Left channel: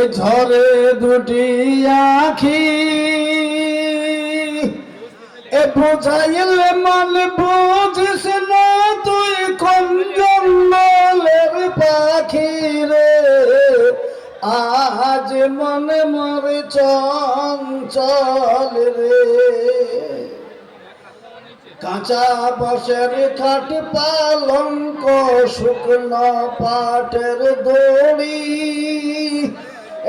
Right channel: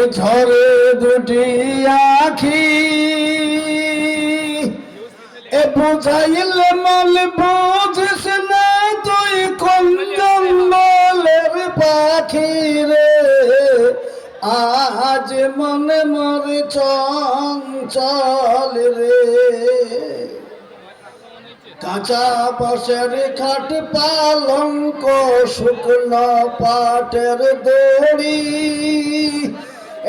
এ ঝরে দুটি আখি এ বুঝাইলে মাল বুঝিস না তুই কোন জঙ্গলের পাখি রে আজ মনে মর চঞ্চল রে কাঁচা বাঁশের খাট পালঙ্ক শুকনো পাটের দড়ি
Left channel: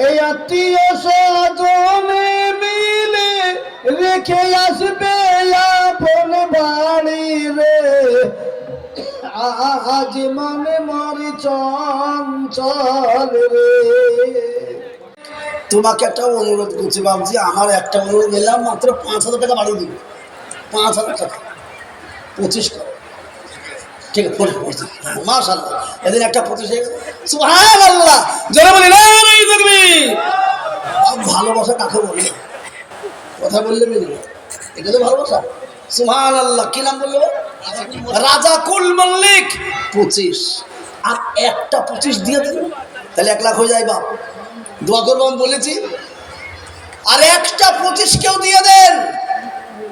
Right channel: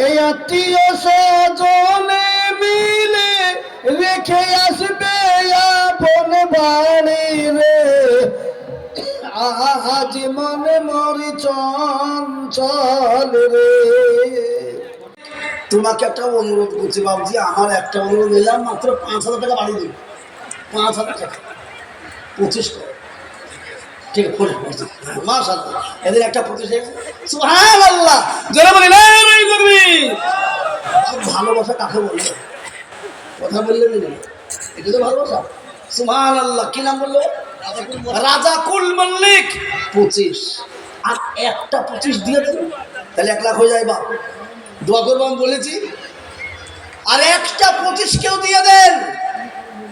এই আত্মীয় স্বজনে মিলে রেখে আসবে আপন বাড়ি রে আজ মনে মরি চঞ্চল রে। তোমাকে একটা অনুরোধ করছি বাবজি, আমার একটা অনুরোধ নিলাম, মাত্র 5,000 টাকা বাড়িয়ে দিন, 5,000 টাকা 25 করো, ঠিক আছে? মাশাআল্লাহ, এদিন একটা 25 হয়ে গেল। সুবহানাল্লাহ, যারা বলে না এই দেখবি ভালোবাসা কাকে বলে? কথা বললে বলি এটা তো ভালোবাসা। সুবহানাল্লাহ, কি নাম বললো? রাজা কুল মল্লিক। 25 আর একটা 25 দিয়ে দিল, তাহলে 1 লাখ হয়ে যায়। বাপ দোয়া করবো আমি বলেছি, আর একটা 25 কেউ দিয়ে দেন,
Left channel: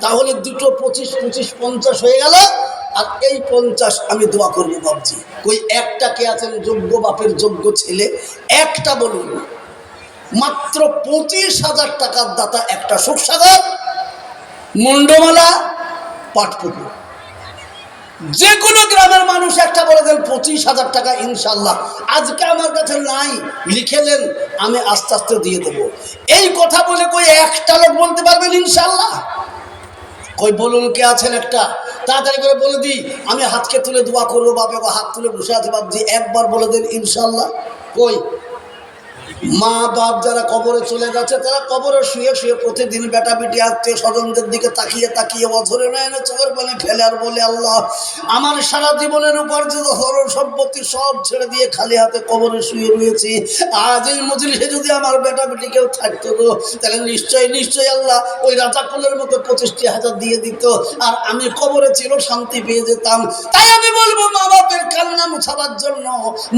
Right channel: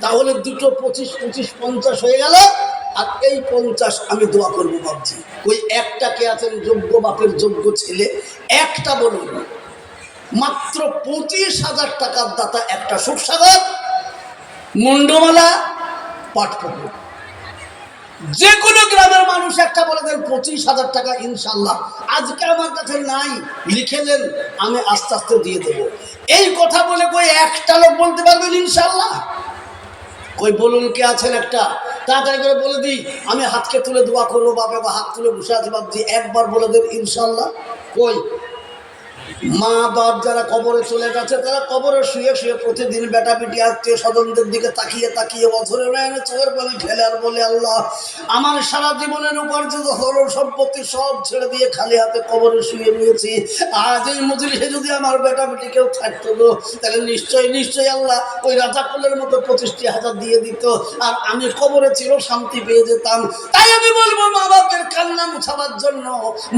তাহলে দুটো 25 25 50 হয়ে গেল। আর এই 50 আমি দোয়া করবো বাবজি। ওই একটা কে আছেন যোগ্য বাপের যোগ্য ছেলে? একটা বলুন। মাত্র 25,000 টাকার দাতা একটা সুখসাগর, মুন্ডমালা, পাটপুকুর, যে কোনো গ্রামের মানুষ একটা বলে দেন 25,000 টাকা ইনশাল্লাহ। আজকে আমার কাছে নাই, লিখে দেন, আমি আস্তে আস্তে দিয়ে দেবো। এই কথা বলে কই একটা লোক বলতে পারবেন ইনশাল্লাহ? কই বলুন কে আছেন একটা? তাড়াতাড়ি করে বলে দিই, আমি হাতকে তুলে দোয়া করবো। বাপে বা হাত তুলে বসে আছে বাপজি, একবার বলে দেন ইনশাল্লাহ। কই মা বাপ যারা কবরে চলে গেছে, তারা কবরে শুয়ে শুয়ে প্রতিদিন বেটা বেটি আত্মীয় স্বজনদের দিকে তাকিয়ে তাকিয়ে অঝরে নয়নে চোখের পানি ফেলে আর বলে, আল্লাহ আমার সারা জীবনের উপার্জিত ধরন সম্পত্তি সব ছেড়ে দিয়ে খালি হাতে কবরে শুয়ে রয়েছি। আজ এই মজলিসে যদি আমার বেটা বেটি কেউ থাকতো গো, তাহলে নিশ্চয়ই নিশ্চয়ই আল্লাহ ওই রাজাকুলের মতো 25,000 দিয়ে দিত, আর আমি কবরে চির শান্তি পেয়ে যেতাম। তাই আমি বলবো, মা বাপের কান্না মুছাবার জন্য,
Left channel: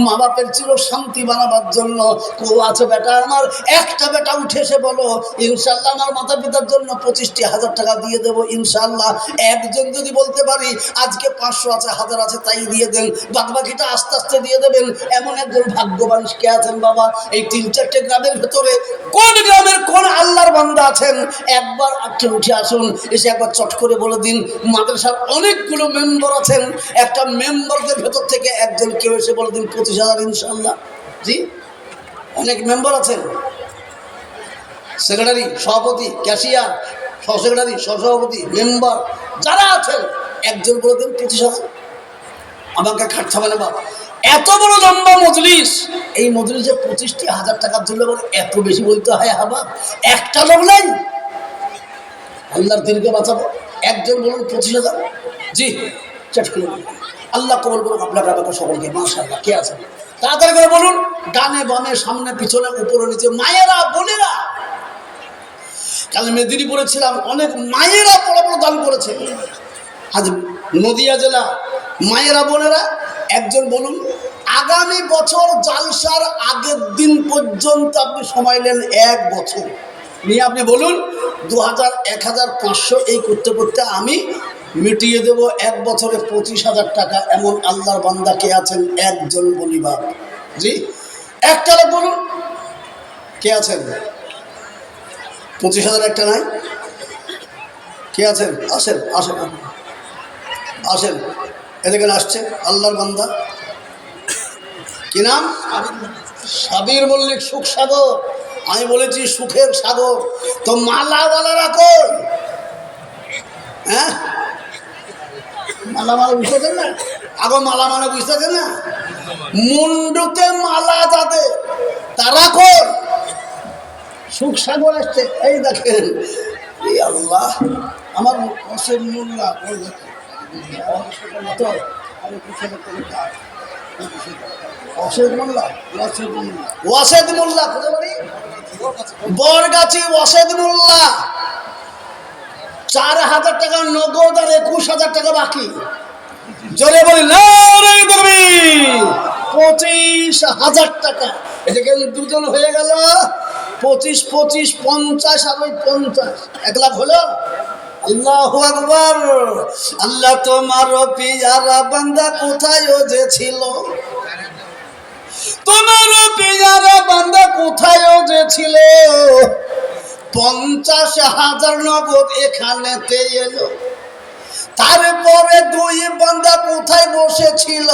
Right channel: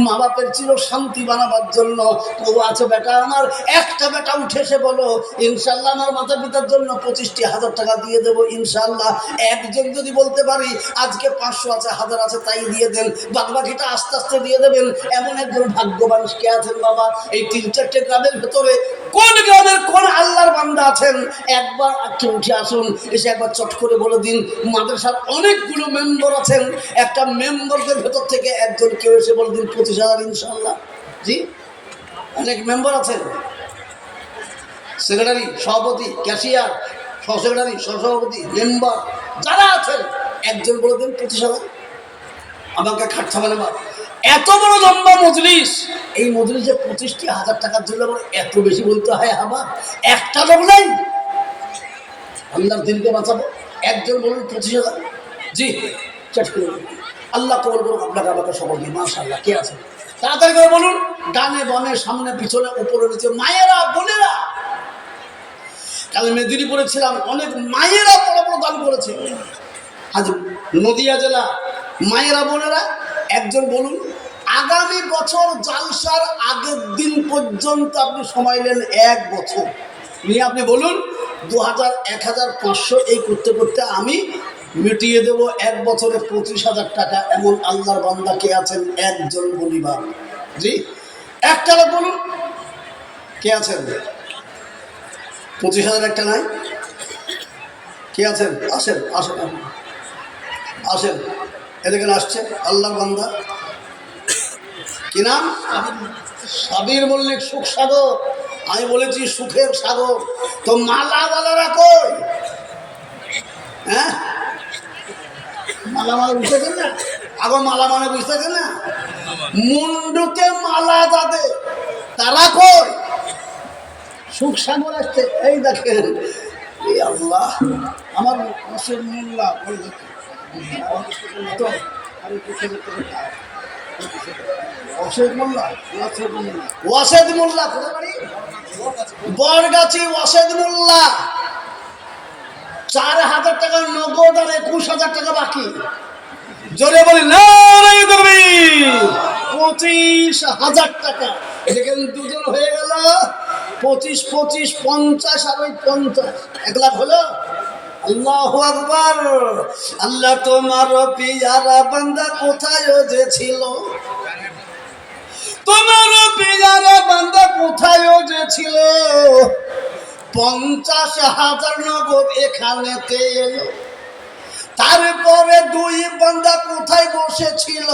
মা বাপের চির শান্তি বানাবার জন্য কেউ আছো বেটা আমার, একটা বেটা উঠে এসে বলো ইনশাল্লাহ আমার মাতা পিতার জন্য 25,000 টাকা দিয়ে দেবো ইনশাল্লাহ। একজন যদি বলতে পারি আজকে 500 আছে, 1000 আছে, তাই দিয়ে দেন, বাদ বাকিটা আস্তে আস্তে দিয়ে দেবেন, এমন একজন ভাগ্যবান কে আছেন বাবা? এই 3-4টে গ্রামের ভেতরে কোন গ্রামের কোন আল্লাহর বান্দা আছেন? একবার আজকে উঠে আসুন, এসে একবার চট করে বলে দিন। মাদ্রাসার অনেকগুলো মেম্বার আছেন, একটা মেম্বারদের ভেতর থেকে একজন কেউ এসে বলে দিন 25,000 ইনশাল্লাহ। জি, অনেক মেম্বার আছেন, সেক্রেটারি, সভাপতি, ক্যাশিয়ার, সহসেক্রেটারি, সহসভাপতি, মেম্বার যারা আছেন, একজন বলে দিন 25,000। আমাকে খাটছা মানে বাবা, এত বড় লম্বা মজলিস, এই মজলিসে 25,000 টাকার জন্য এত বেশি বলতে হয়? হাবা একটা লোক নাই, আল্লাহর দিনকে বাঁচাবো। একজন বলুন 25,000। জি, চট করে আল্লাহ কবুল করুন আপনাকে আমাকে সকলকে। মাশাআল্লাহ, কে আছে? তাড়াতাড়ি করে বলুন, ডানে বামে সামনে পিছনে উপরে নিচে, মায়েরা বোনেরা। কাল মেদিনীপুরে ছিলাম, অনেক মায়েরা বড় বড় দান করেছে। আজ নদিয়া জেলা মায়েরা বোনেরা একজন বলুন, আগামী বছর জালসার আগের দিন পর্যন্ত আপনি সময় নেন, 1 বছর নিয়ে আপনি বলুন 2000, 1500 এই করতে করতে আমি মিটিয়ে দেব 1 বছরে 25,000 টাকা। এমন আল্লাহর বান্দা কে আছেন? একজন বলি বাপ। জি, একটা লোক বলুন কে আছেন? 25,000 একটা নাই? কে আছেন? আসেন আসেন আসেন, এদিকে আসছে আল্লাহর বান্দা। কি নাম? সাবির মল্লিক। সুখ সাগর, আমি বলেছি সুখের সাগর। তো মালাওয়ালারা কই? হ্যাঁ, মালা মানে বুঝতেছেন না? আগে মালা মানে বুঝতেছেন না? মুন্ডুতে মালা যাদের, তারা কই? সুখ সাগর আসছে, এই দেখেন। এই আল্লাহ, আমার অসেদ মোল্লা তো অসেদ মোল্লা, ওয়াসেদ মোল্লা কোথায় বাড়ি? বরগাছি ওয়াসেদ মোল্লা। 4,000 টাকা নগদ আর 21,000 টাকা বাকি। জোরে বলি নারে তাকবীর। 25,000 টাকা এদিকে দুজন হয়ে গেল 25 25 50 আর 50, 1 লাখ হলো। আল্লাহু আকবার। আল্লাহ তোমার পিয়ারা বান্দা কোথায় যে ছিল, তোমার পিয়ারা বান্দা কোথায় যে ছিল, 50,000 নগদ এখানেতে এলো। তারপরে 2 বান্দা কোথায় বসেছিল,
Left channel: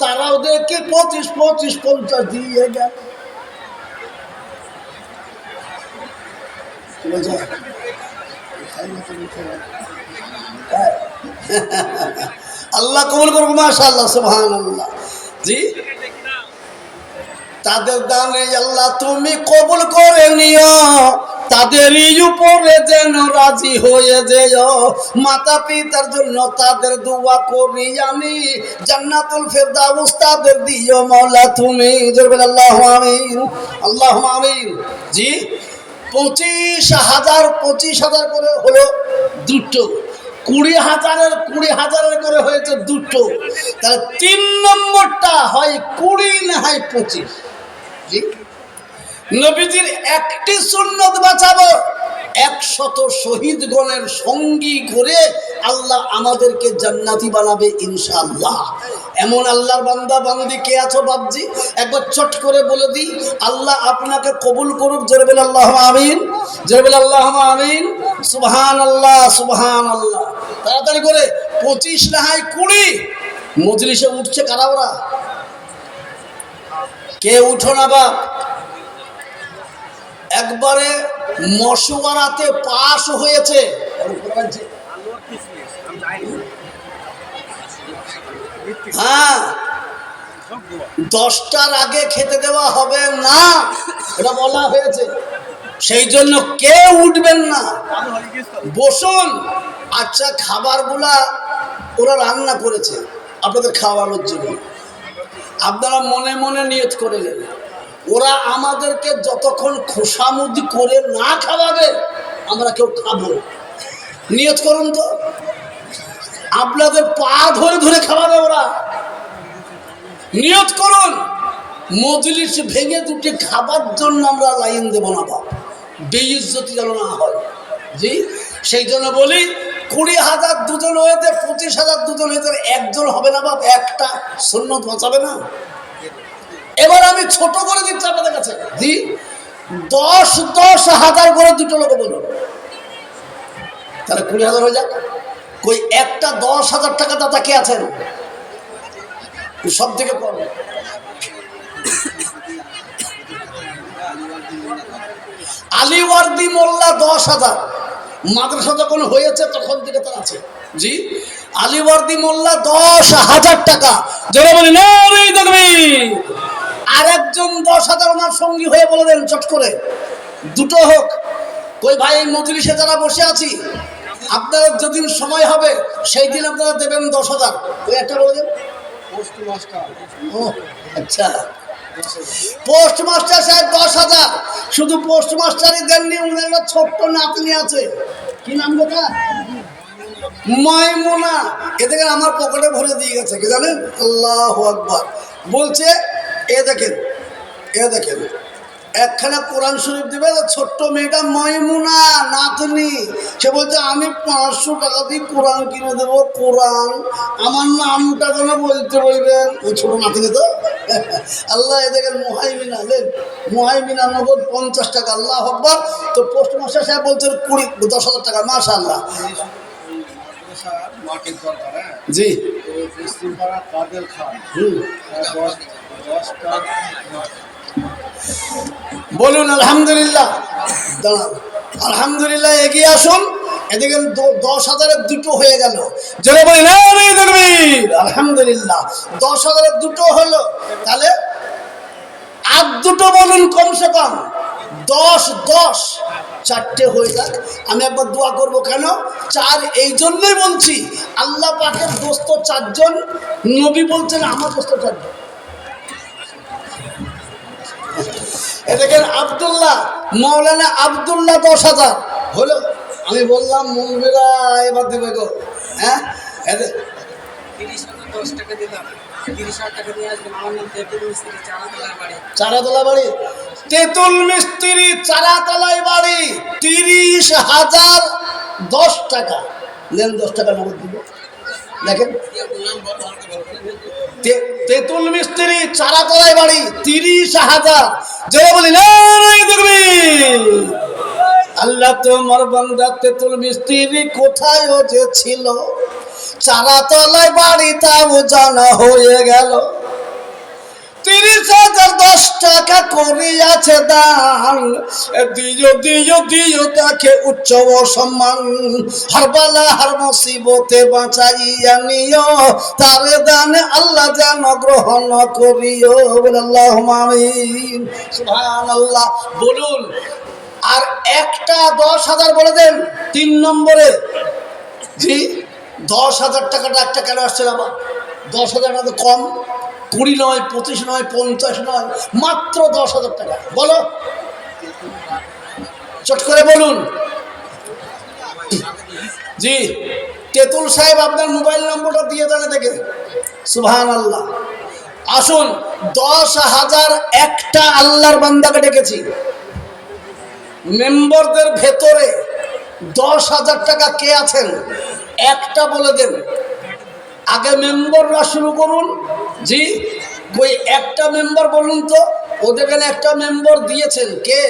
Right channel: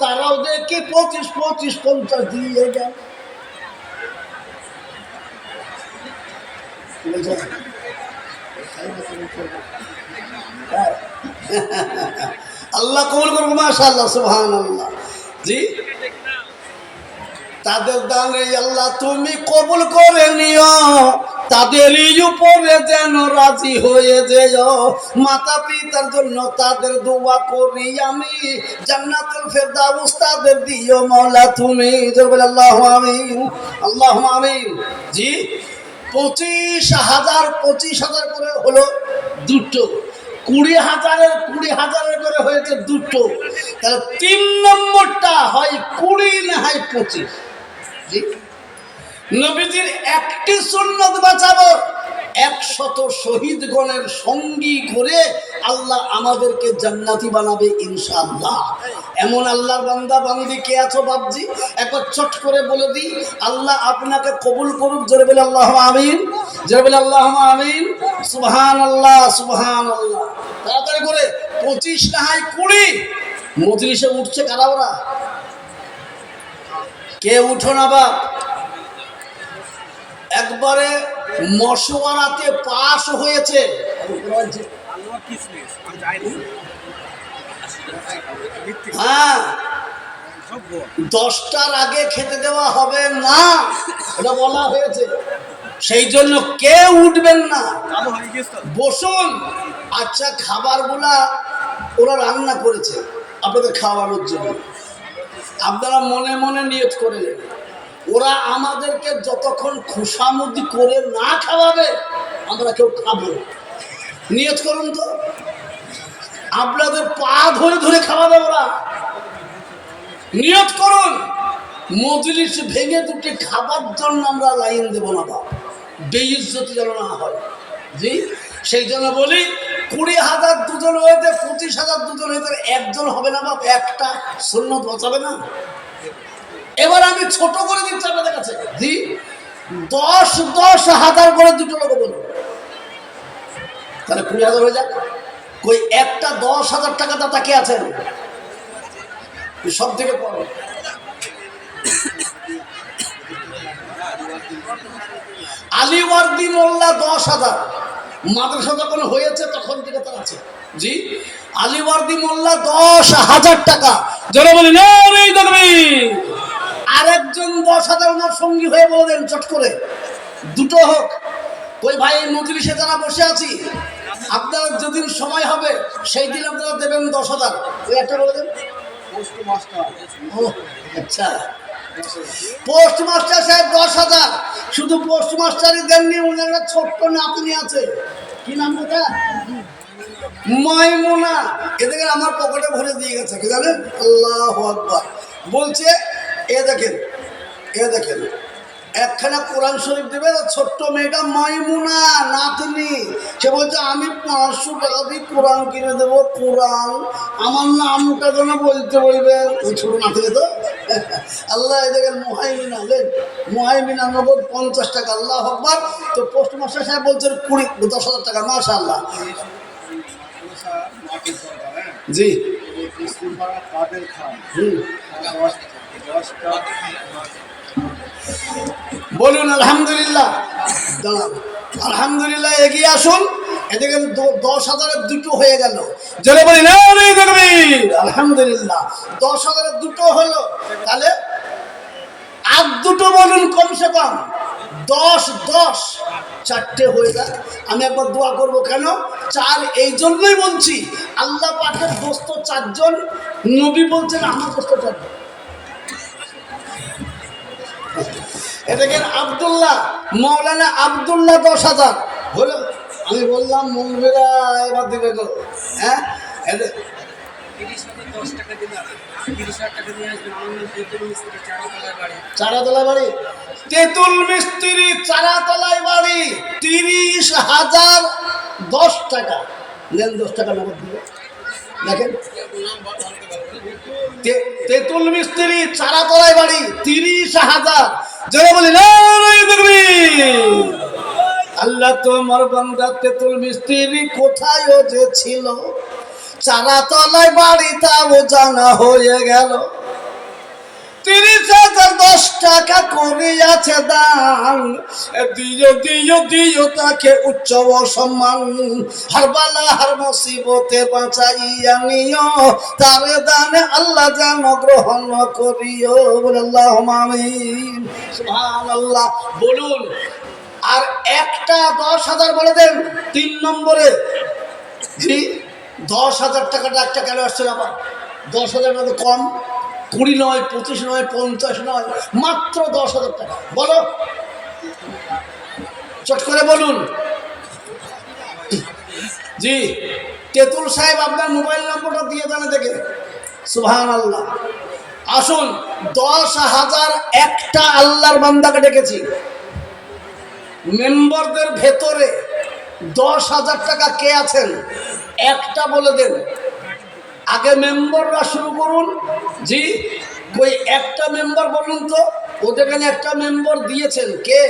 তারাও দেখি 25 25 50 দিয়ে গেল। আল্লাহ কবুল করুক, মাশাআল্লাহ, সুবহানাল্লাহ। জি, তাদের দান আল্লাহ তুমি কবুল করে নিও, তাদেরই উপরে যেন রাজি হয়ে যেও। মাতা পিতার জন্য তাদের দোয়া করি আমি, জান্নাতুল ফেরদাউস তাদের দিও মাওলা তুমি। জোরে আল্লাহু আমিন, আল্লাহু আমিন। জি, 25,000 করে হলো দুটো, 20,000 করে হয়েছে দুটো। তাহলে 3 নম্বরটা হয় 20 না হয় 25। জি, নবীজির একটি সুন্নত বাঁচাবো 100 শহীদগণের সঙ্গী করে আল্লাহ আমাদেরকে জান্নাতি বানাবে ইনশাআল্লাহ। এমন আল্লাহর বান্দা বান্দি কে আছো বাপজি, একবার চট করে বলে দিই, আল্লাহ আপনাকে কবুল করুক। জোরে বলে আল্লাহু আমিন, জোরে বলে আল্লাহু আমিন, সুবহানাল্লাহ, সুবহানাল্লাহ। তাড়াতাড়ি করে 25 না হয় 20। মজলিসে উঠছে কারা ওরা? কে উঠো না বাপ, একবারে মশওয়ারাতে পাস হয়েছে। হ্যাঁ, 10টার আগে খেতে দেওয়া হবে না, এটা বলা হয়েছে। সেই জন্য কেউ উঠবেন না, বসুন। আচ্ছা, খাবারগুলা ওরা রান্না করেছে আপনাদের খাওয়ানোর জন্য, আপনারা মনে মনে নিয়ত করে নেন, ওরা আমাদেরকে যতক্ষণ খোসামুদি করে না খাওয়াবে আমরা কেউ খাবো। নিয়ত করুন তো, আপনাদের পা ধরে ধরে খাওয়াবে ওরা। নিয়ত করুন, মজলিস ভেঙে দুটি খাবার জন্য আমরা লাইন দেব না বাপ, বেইজ্জতি যেন না হয়। জি, সেই জন্য বলি 20,000 দুজন হয়েছে, 25,000 দুজন হয়েছে, একজন হবে না বাপ, একটা সুন্নত বাঁচাবে না। এবার আমি ছোট করে দিচ্ছি আপনাদের কাছে। জি, 10,000 করে দুটো লোক বলুন, তাহলে 20,000 হয়ে যাক। কই একটা 10,000 টাকা দাতা কে আছেন? সব থেকে কম আলীওয়ার্দী মোল্লা 10,000। মাদ্রাসা যখন হয়েছে তখন থেকে তার আছে। জি, আলীওয়ার্দী মোল্লা 10,000 টাকা। জোরে বলি নারে তাকবীর। আরেকজন 10,000 ওনার সঙ্গী হয়ে বলে দেন চট করে, দুটো হোক। কই ভাই, মজলিসে যারা বসে আছি, আপনারা যেদিন সময় হবে সেই দিন আপনারা দেবেন 10,000। ওই একটা বলে দেন। আচ্ছা, পোস্টমাস্টার সাহেব 10,000। শুধু পোস্টমাস্টারই দেননি, ওনার ছোট্ট নাতনি আছে, কি নাম কথা, মাইমুনা। এদিকে আমার পকেটে ভরে দিয়ে গেছে, কি জানেন? আল্লাহু আকবার। বলছে এ দেখেন, এ দেখেন, একখানা কোরআন শরীফ দিবে, ছোট্ট মেয়েটা মাইমুনা নাতনি, সে বলছে আমি 500 টাকা দিয়ে কোরআন কিনে দেবো। কোরআন আমার নামটা যেন বলতে বলবেন, ওই ছোট নাতনি তো। আল্লাহ, এ দেখেন মুহাইমিনা, দেন মুহাইমিনা নগদ 50 টাকা। আল্লাহু আকবার। তো পোস্টমাস্টার সাহেব বলছেন 10,000 টাকা। মাশাআল্লাহ। জি, বলুন আলহামদুলিল্লাহ। দাঁড়ান, আলহামদুলিল্লাহ। এগিয়ে আসুন। এদিকে 10,000 দুটো হয়ে গেল। জোরে বলি নারে তাকবীর। আলহামদুলিল্লাহ, 10,000 দুটো হলো। তাহলে আর দুটো বলুন, কমসে কম 10 4টে হয়ে যাক। আমি একবার দোয়া করব। কেন 4? এই জন্যই বলছি, আল্লাহ পাকের দোস্ত 4 জন, নবী বলছেন আমার দোস্ত 4 জন। এদিকে আব্দুল্লাহ, মৌলানা আব্দুল্লাহ 10,000 হলো। আমি বললাম মৌলবীরা এবার দিবে গো। হ্যাঁ, 30,010 টাকা দিলাম, 30,000 টাকা নিয়ে আসবেন। আমার নাম তেতুল মিস্ত্রি, চারাতলার বাড়ি। চারাতলা বাড়ি, তেতুল মিস্ত্রি, চারাতলায় বাড়ি। 30,010 টাকা নেন, 10 টাকা নগদ দিল। দেখেন, তেতুল মিস্ত্রি, চারাতলায় বাড়ি, 30,000। যারা বলি না দেখবি, আল্লাহ তোমার বান্দা তেতুল মিস্ত্রি কোথায় যে ছিল, চারাতলায় বাড়ি তাও জানা হয়ে গেল। 30,010 টাকা করিয়াছে দান, দিও দিও দিও তাকে উচ্চ সম্মান। হর বালা হর মুসিবতে বাঁচাইয়া নিও, তার দানে আল্লাহ যেন গ্রহণ করিও। আল্লাহুম্মা আমিন, সুবহানাল্লাহ। বলুন, আর একটা 10,000 বলে দেন 3 নম্বরে। জি, 10,000 টাকাটা একটা কেন আসছে না? 10,000 টাকা কম, 20 নয়, 25 নয়, 50 নয়, মাত্র 10,000 টাকা। বলো, চট করে বলুন। জি, তেতুল সাহেব আপনার মোবাইল নম্বরটা দিয়ে দেন দেখে। সুবহানাল্লাহ। আসুন, 10,000 একটা আল্লাহর বান্দাকে ডেকেছি। মেম্বারদের ভেতরে 10,000 টাকা কে আছেন একটা বলে দেন। আগে মেম্বাররা শুরু করুন। জি, ওই একটা মেম্বার বলুন তো। ওদের এখানে একটা মেম্বার দিয়েছেন কে?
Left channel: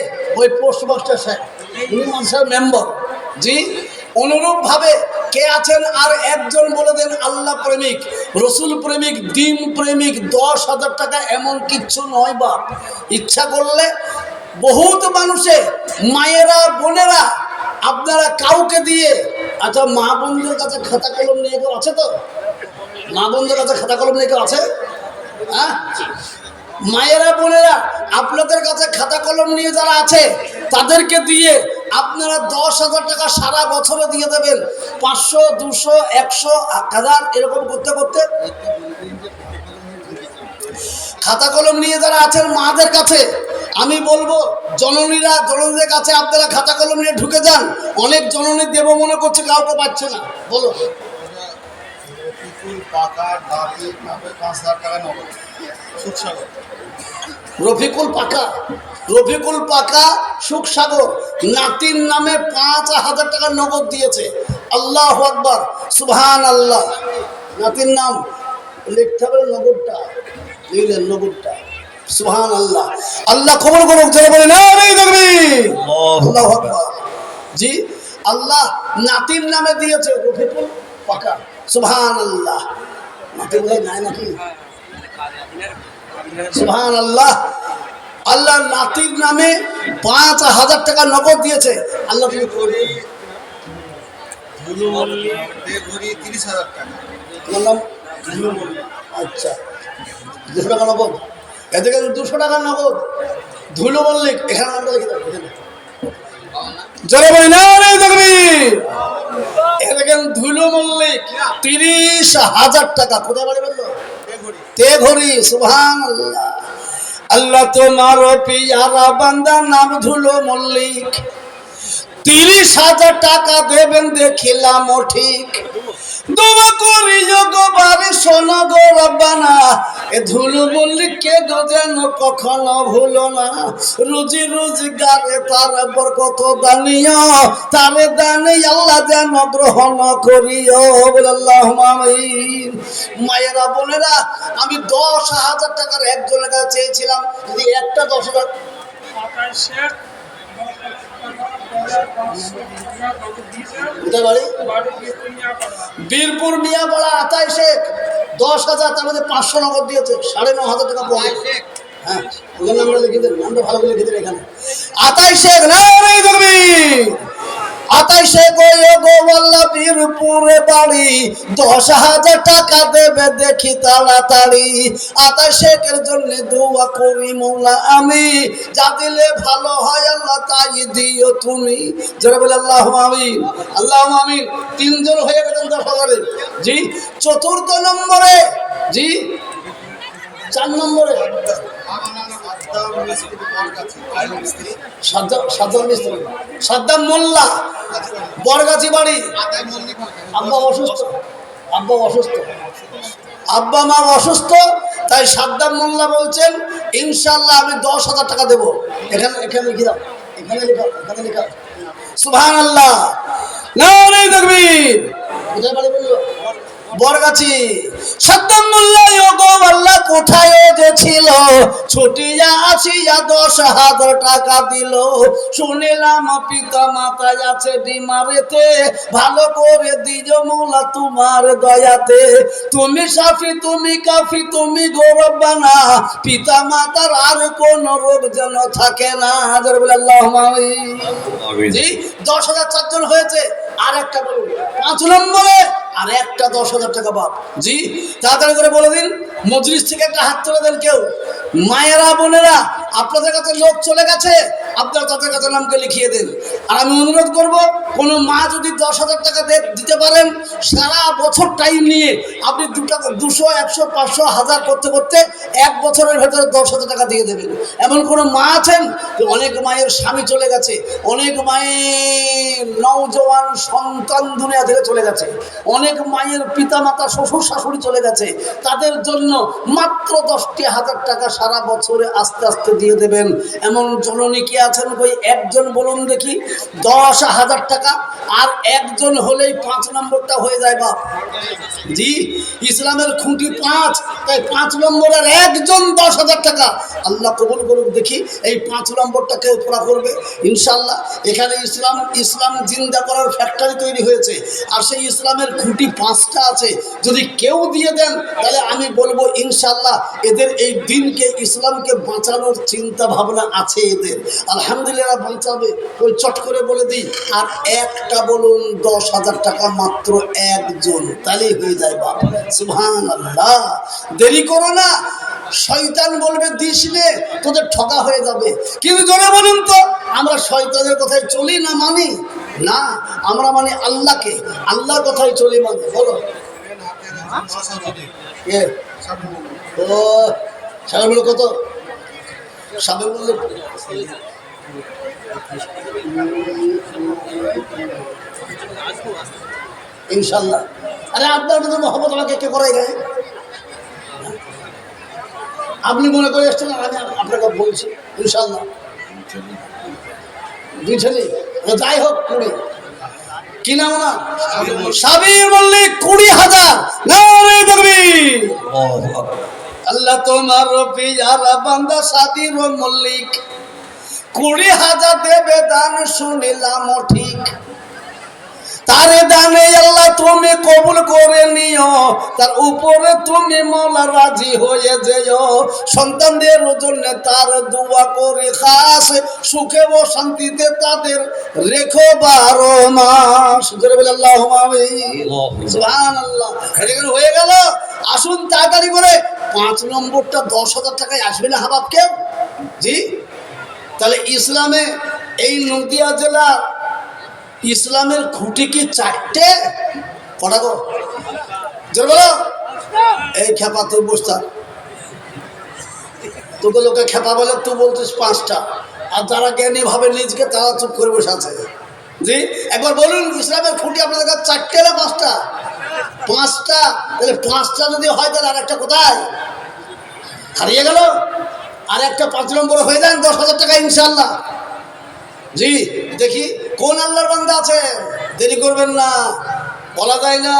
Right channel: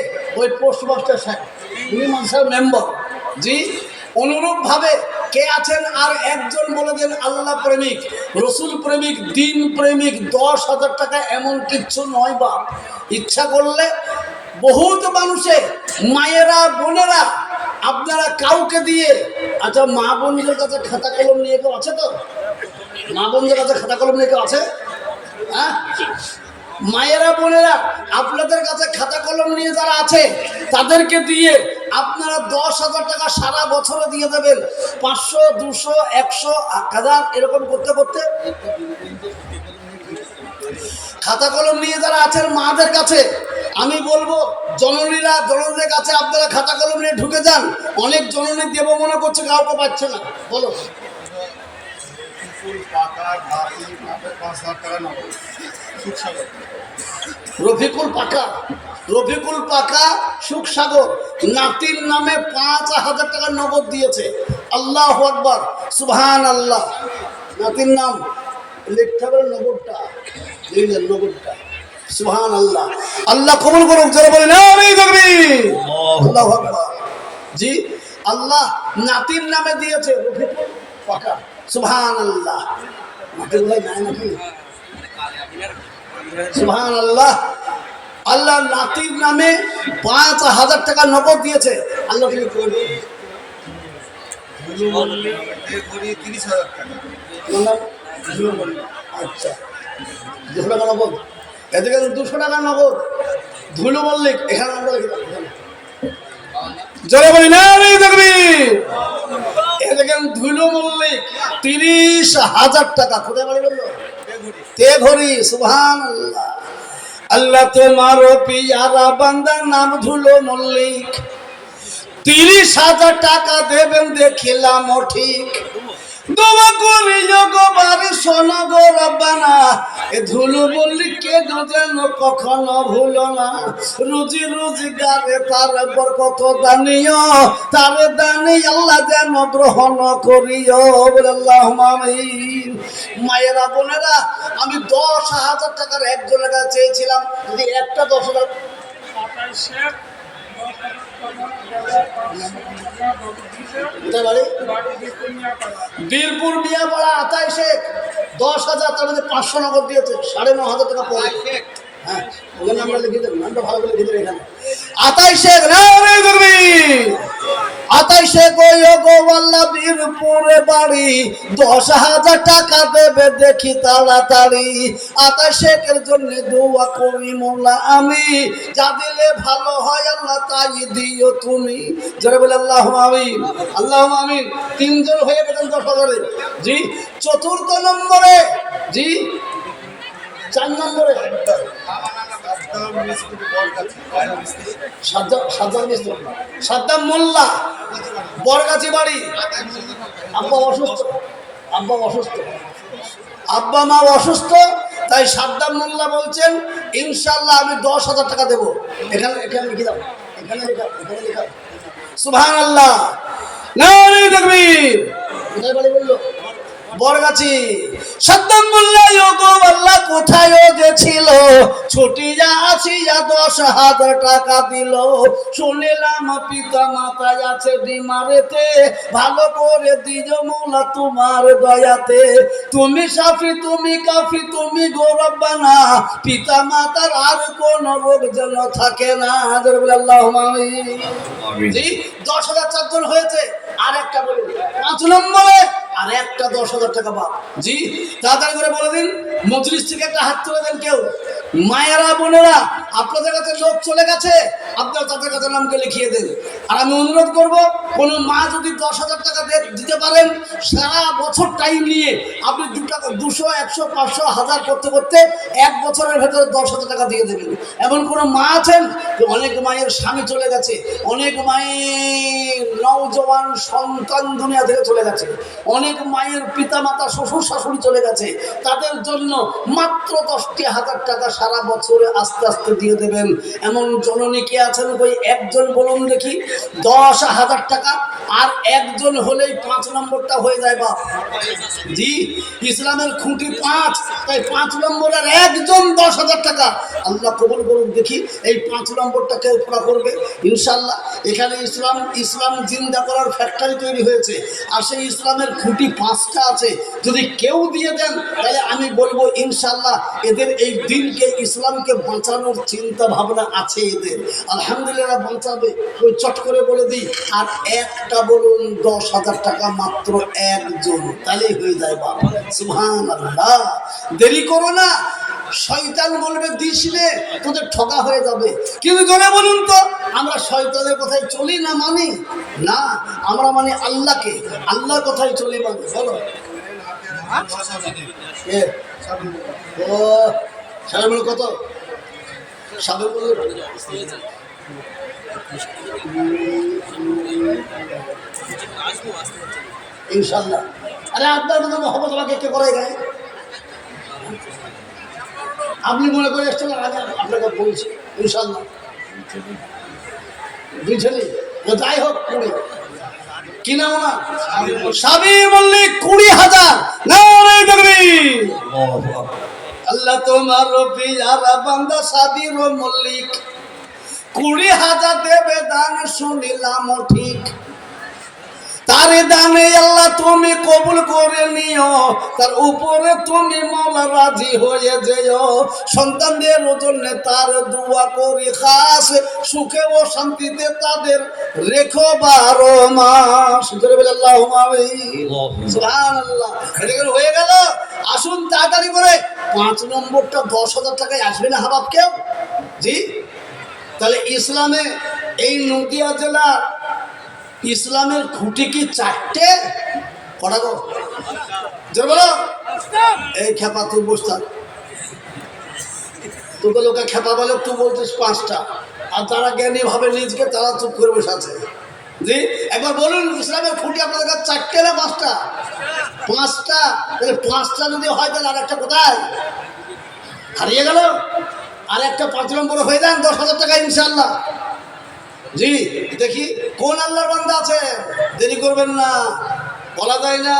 ওই পোস্টমাস্টার সাহেব, উনি মানসার মেম্বার। জি, অনুরূপভাবে কে আছেন আর একজন বলে দেন। আল্লাহ প্রেমিক, রসুল প্রেমিক, দিন প্রেমিক। 10,000 টাকা এমন কিচ্ছু নয় বাপ। ইচ্ছা করলে বহুত মানুষে, মায়েরা, বোনেরা, আপনারা কাউকে দিয়ে, আচ্ছা মা বোনদের কাছে খাতা কলম নিয়ে কেউ আছে তো? মা বোনদের কাছে খাতা কলম নিয়ে কেউ আছে? হ্যাঁ, মায়েরা, বোনেরা, আপনাদের কাছে খাতা কলম নিয়ে যারা আছে তাদেরকে দিয়ে আপনারা 10,000 টাকা সারা বছরে দিয়ে দেবেন। 500, 200, 100, 1000 এরকম করতে করতে খাতা কলম নিয়ে যারা আছেন মাদের কাছে আমি বলবো, জননীদের কাছে আপনারা খাতা কলম নিয়ে ঢুকে যান। অনেক জননী দেব মনে করছে, কাউকে পাচ্ছে না। বলো, রফিকুল পাকা সুখসাগর নাতির নামে 5,000 টাকা নগদ দিয়েছে। আল্লাহু আকবার, সুবহানাল্লাহ। নাতির নাম লিখতে হবে, নগদটা লিখলেন, নগদটা। সুবহানাল্লাহ, আল্লাহ কবুল করুক। যারা বলে না দেখবি, আল্লাহু আকবার। জি, আল্লাহ নাতির নামে দিয়েছে রফিকুল পাকা। সুবহানাল্লাহ। নাতির ভাই নাই নাকি? সুবহানাল্লাহ। আল্লাহ নাতির নামে 5,000 টাকা নগদ দিয়েছে। আল্লাহ তুমি করবে। আচ্ছা, 200 টাকা নগদ। এদিকে 200 টাকা নগদ। ধুলো মল্লিক, এখানে আমরা লিখে দেবো। জোরে বলি না দেখবি, এদিকে ধুলো মল্লিক 30,000 টাকা। কোথায় বাড়ি বললো? তেঘরি। সুবহানাল্লাহ। আল্লাহ তোমার পিয়ারা বান্দা নাম ধুলো মল্লিক, 30,000 টাকা দেবেন দেখিলাম ঠিক। দোয়া করি যোগবারে শোনো গো রব্বানা, এ ধুলু মল্লিককে যেন কখনো ভুলো না। রুজি রোজগারে তার বরকত দানিও, তার দানে আল্লাহ যেন গ্রহণ করিও। আল্লাহুম্মা আমিন। মায়েরা, বোনেরা, আমি 10,000 টাকার একজনের কাছে চেয়েছিলাম, যদি একটা 10,000 বীরপুর মিয়াপাড়া 28 শেখ 10,000, তার মধ্যে 500 নগদ দিয়েছে। 9,500 টাকা পড়ে। হ্যাঁ, ওখানে আমরা লিখে দেন, নামটা ভালো করে লিখে দেন। এখানে 28 শেখ নাই ধরবি, 28 শেখ গোয়াল্লা বীরপুরে বাড়ি, 10,000 টাকা দেবে দেখি তাড়াতাড়ি। 28 শেখের জন্য দোয়া করি মৌলা আমি, যা দিলে ভালো হয় আল্লাহ তাই দিও তুমি। যারা বলে আল্লাহুম্মা আমিন, আল্লাহুম্মা আমিন। 3 জন হয়ে গেছেন 10,000-এ। জি, 4র্থ নম্বরে, জি 4 নম্বরে সাদ্দাম মোল্লা, বরগাছি বাড়ি। আব্বা অসুস্থ, আব্বা মা অসুস্থ, তাই সাদ্দাম মোল্লা বলছেন ইনশাল্লাহ আমি 10,000 টাকা দেবো। এখানে এখানে লিখে দাও, এখানে লেখা সুবহানাল্লাহ, নারে তাকবীর। কোথায় বাড়ি বললো? বরগাছি। সাদ্দাম মোল্লা গো আল্লাহ কোথায় যে ছিল, ছুটিয়া আসিয়া 10,000 টাকা দিল। শুনিলাম পিতা মাতায় আছে বিমারেতে, ভালো করে দিও মোলা তোমার দয়াতে। তুমি সাফি তুমি কাফি তুমি গৌরবানা, পিতা মাতার আর কোন রোগ যেন থাকে না। আল্লাহুম্মা আমিন। জি 10,000 চারজন হয়েছে। আর একটা বলুন 5 নম্বরে আর একটা 10,000 টাকা বাপ। জি তাড়াতাড়ি করে বলে দিন, মজলিস থেকে একটা হাত তুলে দেন কেউ। মায়েরা বোনেরা আপনাদের কাছে লোক চলে গেছে, আপনারা তাদের কাছে নামকে লিখিয়ে দেন। আর আমি অনুরোধ করব, কোনো মা যদি 10,000 টাকা দিতে পারেন, সারা বছর টাইম নিয়ে আপনি 200, 100, 500, 1000 করতে করতে 1 বছরের ভেতরে 10,000 টাকা দিয়ে দেবেন। এমন কোনো মা আছেন? অনেক মায়ের স্বামী চলে গেছে, অনেক মায়ের নওজওয়ান সন্তান দুনিয়া থেকে চলে গেছে, অনেক মায়ের পিতা মাতা শ্বশুর শাশুড়ি চলে গেছে, তাদের জন্য মাত্র 10,000 টাকা সারা বছরে আস্তে আস্তে দিয়ে দেবেন। এমন জননী কি আছেন? ওই একজন বলুন দেখি। 10,000 টাকা আর একজন হলেই 5 নম্বরটা হয়ে যায় বাপ। জি ইসলামের খুঁটি 5, তাই 5 নম্বরের একজন 10,000 টাকা। আল্লাহ কবুল করুন দেখি এই 5 নম্বরটা কেউ পুরা করবে ইনশাল্লাহ। এখানে ইসলাম জিন্দা করার ফ্যাক্টরি তৈরি হয়েছে, আর সেই ইসলামের খুঁটি 5টা আছে। যদি কেউ দিয়ে দেন তাহলে আমি বলবো ইনশাল্লাহ এদের এই দিনকে ইসলামকে বাঁচানোর চিন্তা ভাবনা আছে এদের। আলহামদুলিল্লাহ বাঁচাবে। ওই চট করে বলে দিই আর একটা বলুন 10,000 টাকা মাত্র একজন, তাহলেই হয়ে যায় বাবা। সুবহানাল্লাহ। দেরি করো না, শয়তান বলবে দিস নে, তোদের ঠকা হয়ে যাবে। কিন্তু জোরে বলুন তো, আমরা শয়তানের কথায় চলি না মানি? না, আমরা মানি আল্লাহকে, আল্লাহর কথায় চলি মানি। বলো ও সারা বলো কত? সাবে বললো ইনশাল্লাহ। আরে আপনার যদি মহব্বত আমাকে কে করাই গায়ে, আপনি মনে করে এসছেন, আমি আপনাকে বলছি ইনশাল্লাহ। 2 ছেলে, যাই হোক 20 কি নাম না সাবির মল্লিক 20,000। নারে তাকবীর। আল্লাহ তোমার পিয়ারা বান্দা সাবির মল্লিক 20,000 দেবে দান, শুনিলাম ঠিক। তার দানে আল্লাহ তুমি কবুল করে নিও, তার উপরে তুমি মওলা রাজি হয়ে যেও। সন্তানদের জন্য তার দোয়া করি খাস, সুখে ও শান্তিতে তাদের রেখো 12 মাস। জোরে বলে আল্লাহুম্মা আমিন। সুবহানাল্লাহ। এটা হয়ে গেল। আসুন তাড়াতাড়ি করে 5 নম্বরটা 10,000 টাকায় আসবে না হাবাব কেউ? জি তাহলে ইসলামে এই নদিয়া জেলা ইসলামের খুঁটি কি 4টে? কটা গো? জোর বলো। এই খেপা তুই বসতা, তোকে লোকে খেপা বলে, তুই বলছিস 5টা, আর যারা জ্ঞানী ভাবে নিজকে তারা চুপ করে বসে আছে। জি একবার বলুন ইসলামের খুঁটি আপনাদের কাছে 4টে না 5টা? 5টা। তাহলে 5টা যদি হয় তাহলে আরেকটা কোথায় হারিয়ে গেল? আরেকটা 5 নম্বর হয়ে যান 10,000 টাকা ইনশাল্লাহ। জি দেখি কোন আল্লাহর বান্দা আছে, দেরি করবেন না, বলা যায় না।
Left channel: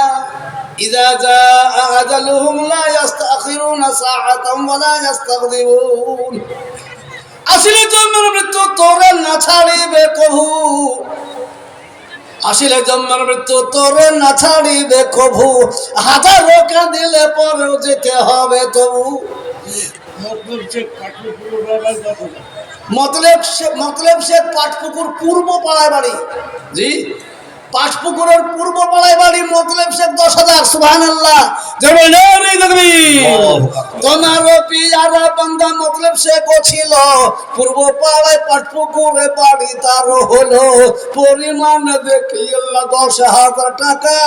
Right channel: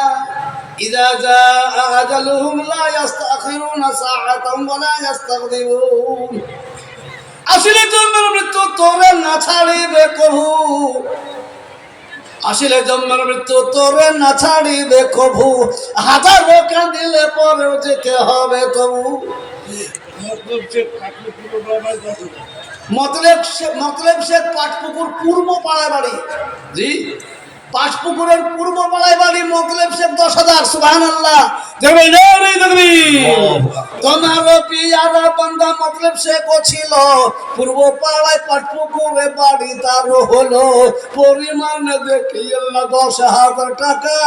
ইযা জাআ আজালুহুম লা ইস্তাখিরুনা সাআতাম ওয়া লা ইস্তাকদিমুন। আসলে জন্মের মৃত্যু তোরে না ছাড়িবে কভু, আসলে জন্মের মৃত্যু তোরে না ছাড়িবে কভু। হাজারো কাঁদিলে পরেও যেতে হবে তবু। মতলব শেখ পাটপুকুর পূর্ব পাড়ায় বাড়ি। জি পাটপুকুরের পূর্ব পাড়ায় বাড়ি, মতলব শেখ 10,000। সুবহানাল্লাহ। তোমার পিয়ারা বান্দা মতলব শেখ ছিল পূর্ব পাড়ায় পাটপুকুরে বাড়ি, তার হলো পরিমাণ দেখি আল্লাহ 10,000 টাকা,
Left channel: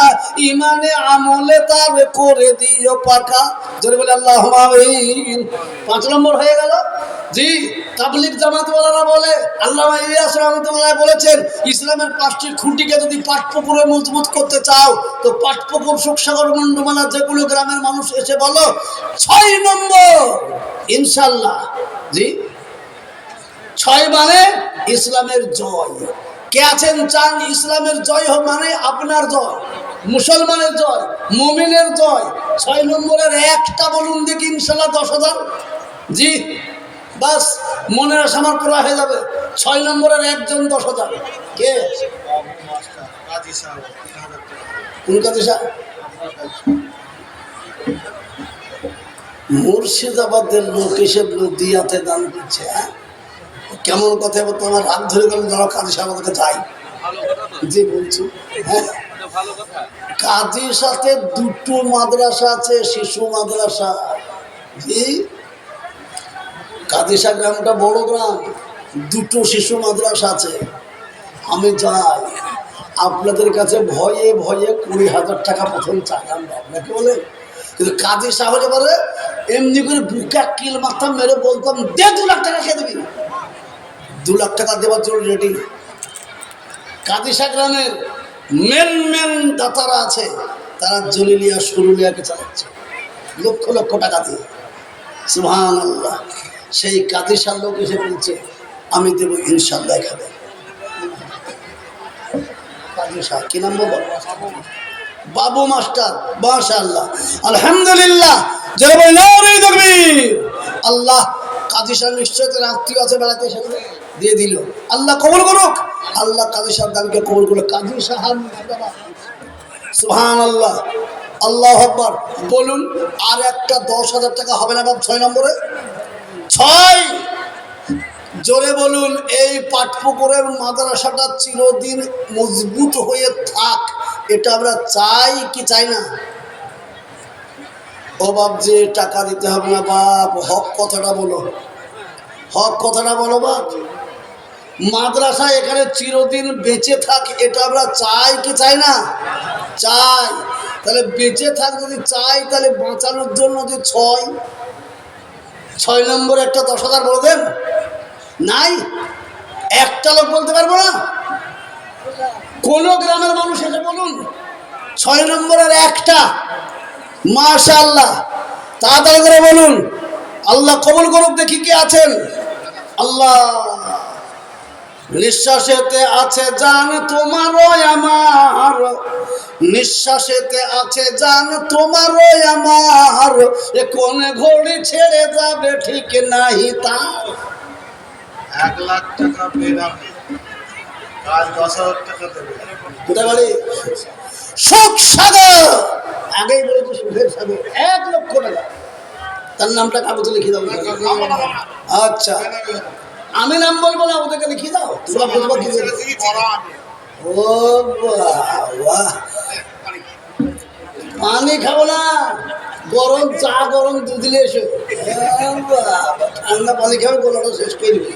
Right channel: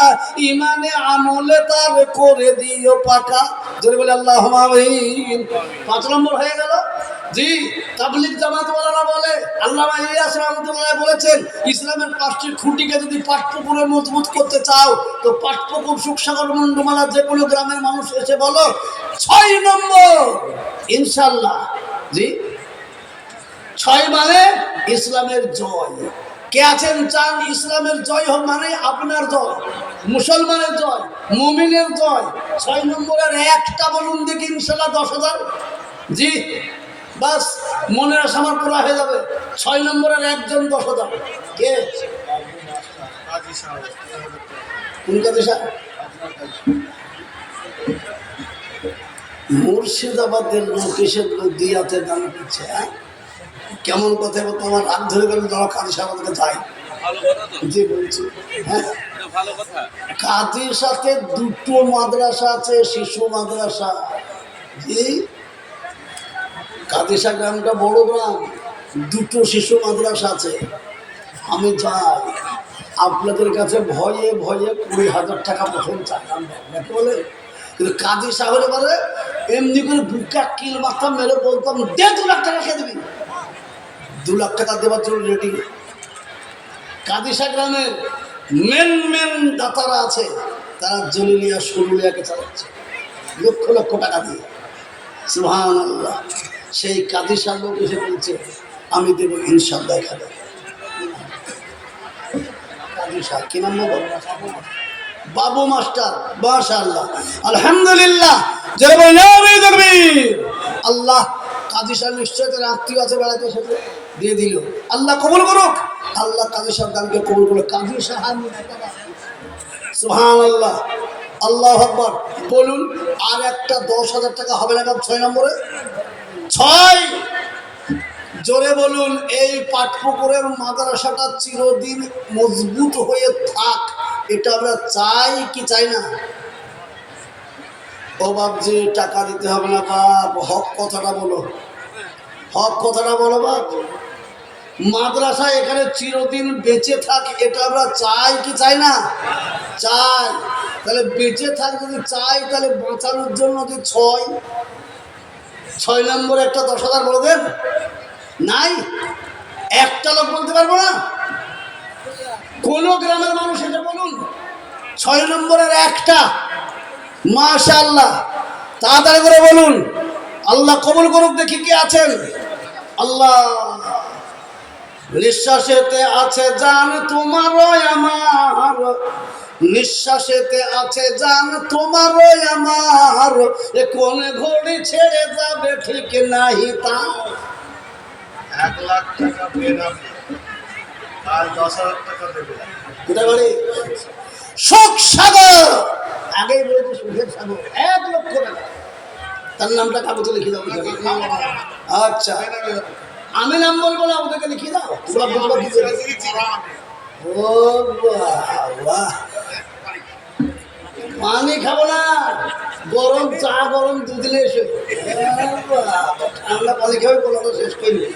ইমানে আমলে তার করে দিও পাকা। জোরে বলে আল্লাহুম্মা আমিন। 5 নম্বর হয়ে গেল। জি তাবলীগ জামাতওয়ালারা বলে, আল্লামা ইলিয়াস রহমাতুল্লাহ বলেছেন, ইসলামের 5টি খুঁটিকে যদি পাটপুকুরে মজবুত করতে চাও তো পাটপুকুর সুখসাগর মুন্ডমালা যে কোনো গ্রামের মানুষ এসে বলো 6 নম্বর ইনশাআল্লাহ। জি 6 মানে ইসলামের জয়। কে আছেন চান ইসলামের জয় হোক, মানে আপনার জয়, মুসলমানের জয়, মুমিনের জয়। 6 নম্বরের একটা বলুন দেখি ইনশাআল্লাহ 10,000। জি বাস মনের আশা আমার পুরা হয়ে যাবে। 6 নম্বরের একজন 10,000। কে? কোন কাজী সাহেব? মুর্শিদাবাদের লোক এসে নদিয়াতে দান করছে। হ্যাঁ কেমন কথা বলতো, আমার রাত ধরে গেল যারা কাজী সাহেবের কাছে যাই। জি বলছি, হ্যাঁ কাজীর সাথে 2টো মাদ্রাসা আছে, শিশু মাদ্রাসা। জি কাদিসা গ্রামটা বড় গ্রাম, 2টো শিশু মাদ্রাসা আছে। আমি যাই আপনাদের কাছে ভয়ে ভয়ে 20,000 টাকা প্রথম চাই আমরা, আপনাকে বলে, কিন্তু কাজী সাহেবের বলে এমনি করে বুকে কিল মাথা মেরে বলতাম দে 2 লাখ টাকা খেয়ে দেবি, 2 লাখ টাকা দেওয়ার জন্য রেডি। কাদিসা গ্রামের মেন দাতারা আছে, তারা জলিলিয়া সুরুলিয়াকে চালাচ্ছে লক্ষ লক্ষ টাকা দিয়ে। সুবহানাল্লাহ। সেই কাদিসার লোক এসে বলছে আমি দেবো ইনশাআল্লাহ। খাবে কাদিসা কি নাম বলো? বাবু মাস্টার। মাশাআল্লাহ আলহামদুলিল্লাহ। যারা বলেন নারে তাকবীর। আল্লাহ কাদিসা নিশ্চয় তার আত্মীয় আছে, বেড়াতে এসেছে, দিয়ে দিল। আল্লাহ কবুল করুক, আল্লাহ কাদিসার দানকে কবুল করুক। কাদিসা হার মুর্শিদাবাদ। সুবহানাল্লাহ আল্লাহু আকবার। বলুন আর একটা 10,000 টাকা হবে না বাপ? 6 নম্বরে 6 জোরে বলুন। এই পাটপুকুরের মাদ্রাসাটা চিরদিন মজবুত হয়ে থাক, এটা আমরা চাই কি চাই না? ও বাপ যে টাকা দিতে হবে না বাপ, হক কথাটা বলো, হক কথাটা বলো বাপ। মাদ্রাসা এখানে চিরদিন বেঁচে থাক, এটা আমরা চাই কি চাই না? চাই। তাহলে বেঁচে থাক যদি চাই, তাহলে বাঁচানোর জন্য যে 6 নম্বরে একটা 10,000 বলে দেন। নাই একটা লোক বলতে পারবো না? কোন গ্রামের মানুষ এসে বলুন 6 নম্বরের একটা। মাশাআল্লাহ তাড়াতাড়ি করে বলুন। আল্লাহ কবুল করুক। দেখি কে আছেন। আল্লাহ নিঃশ্বাসেতে আছে জান তোমারও আমার, নিঃশ্বাসেতে আছে জান তোমারও আমার, এ কোন ঘড়ি ছেড়ে যাবে ঠিক নাই তা। 1 লাখ টাকা বেনামে কাল 10,000 টাকা দেবে। কোথায় বাড়ি? সুখ সাগর। আগেই বলেছি সুখের সাগর। 1 লক্ষ টাকা। তার নামটা কাগজে লিখে দাও। আচ্ছা আমি নাম বলবো না, ওদেরকে লিখিয়ে দাও। ও বাবা, পানি খাবো না, গরম চা গরম দুধ দিলে এসো। ঠান্ডা পানি খাবে, গলাটা শেষ করে দিবে।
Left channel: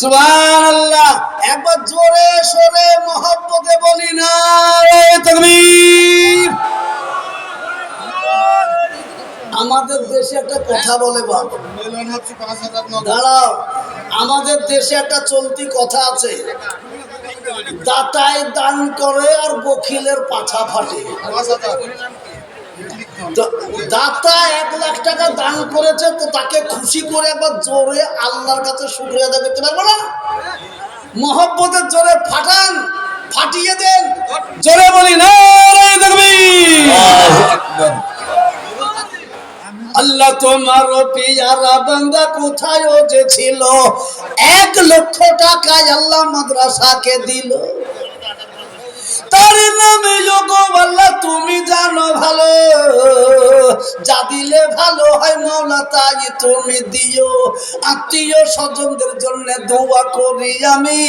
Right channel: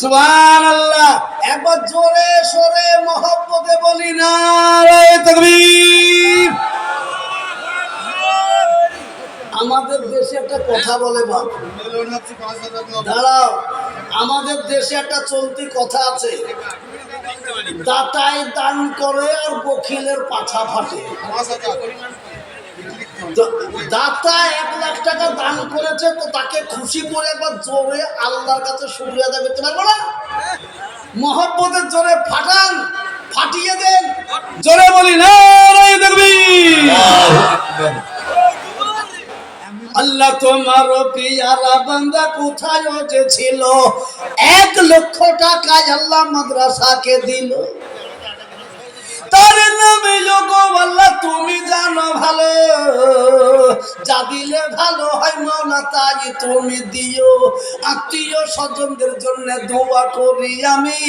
সুবহানাল্লাহ। একবার জোরে সোরে মহব্বতে বলি নারে তাকবীর। আমাদের দেশে একটা কথা বলে বাপ, দাঁড়াও, আমাদের দেশে একটা চলতি কথা আছে, দাতায় দান করে আর বখিলের পাছা ফাটে। দাতা 1 লাখ টাকা দান করেছে, তো তাকে খুশি করে একবার জোরে আল্লাহর কাছে শুকরিয়া আদায় করতে পারবো না? মহব্বতের জোরে ফাটান, ফাটিয়ে দেন, জোরে বলি নারে তাকবীর। আল্লাহ তোমার পিয়ারা বান্দা কোথায় যে ছিল, 1 লক্ষ টাকায় আল্লাহ মাদ্রাসাকে দিল। তার নামে আল্লাহ তুমি জানো ভালো, যা দিলে ভালো হয় মাওলা তাই তুমি দিও। আত্মীয় স্বজনদের জন্য দোয়া করি আমি,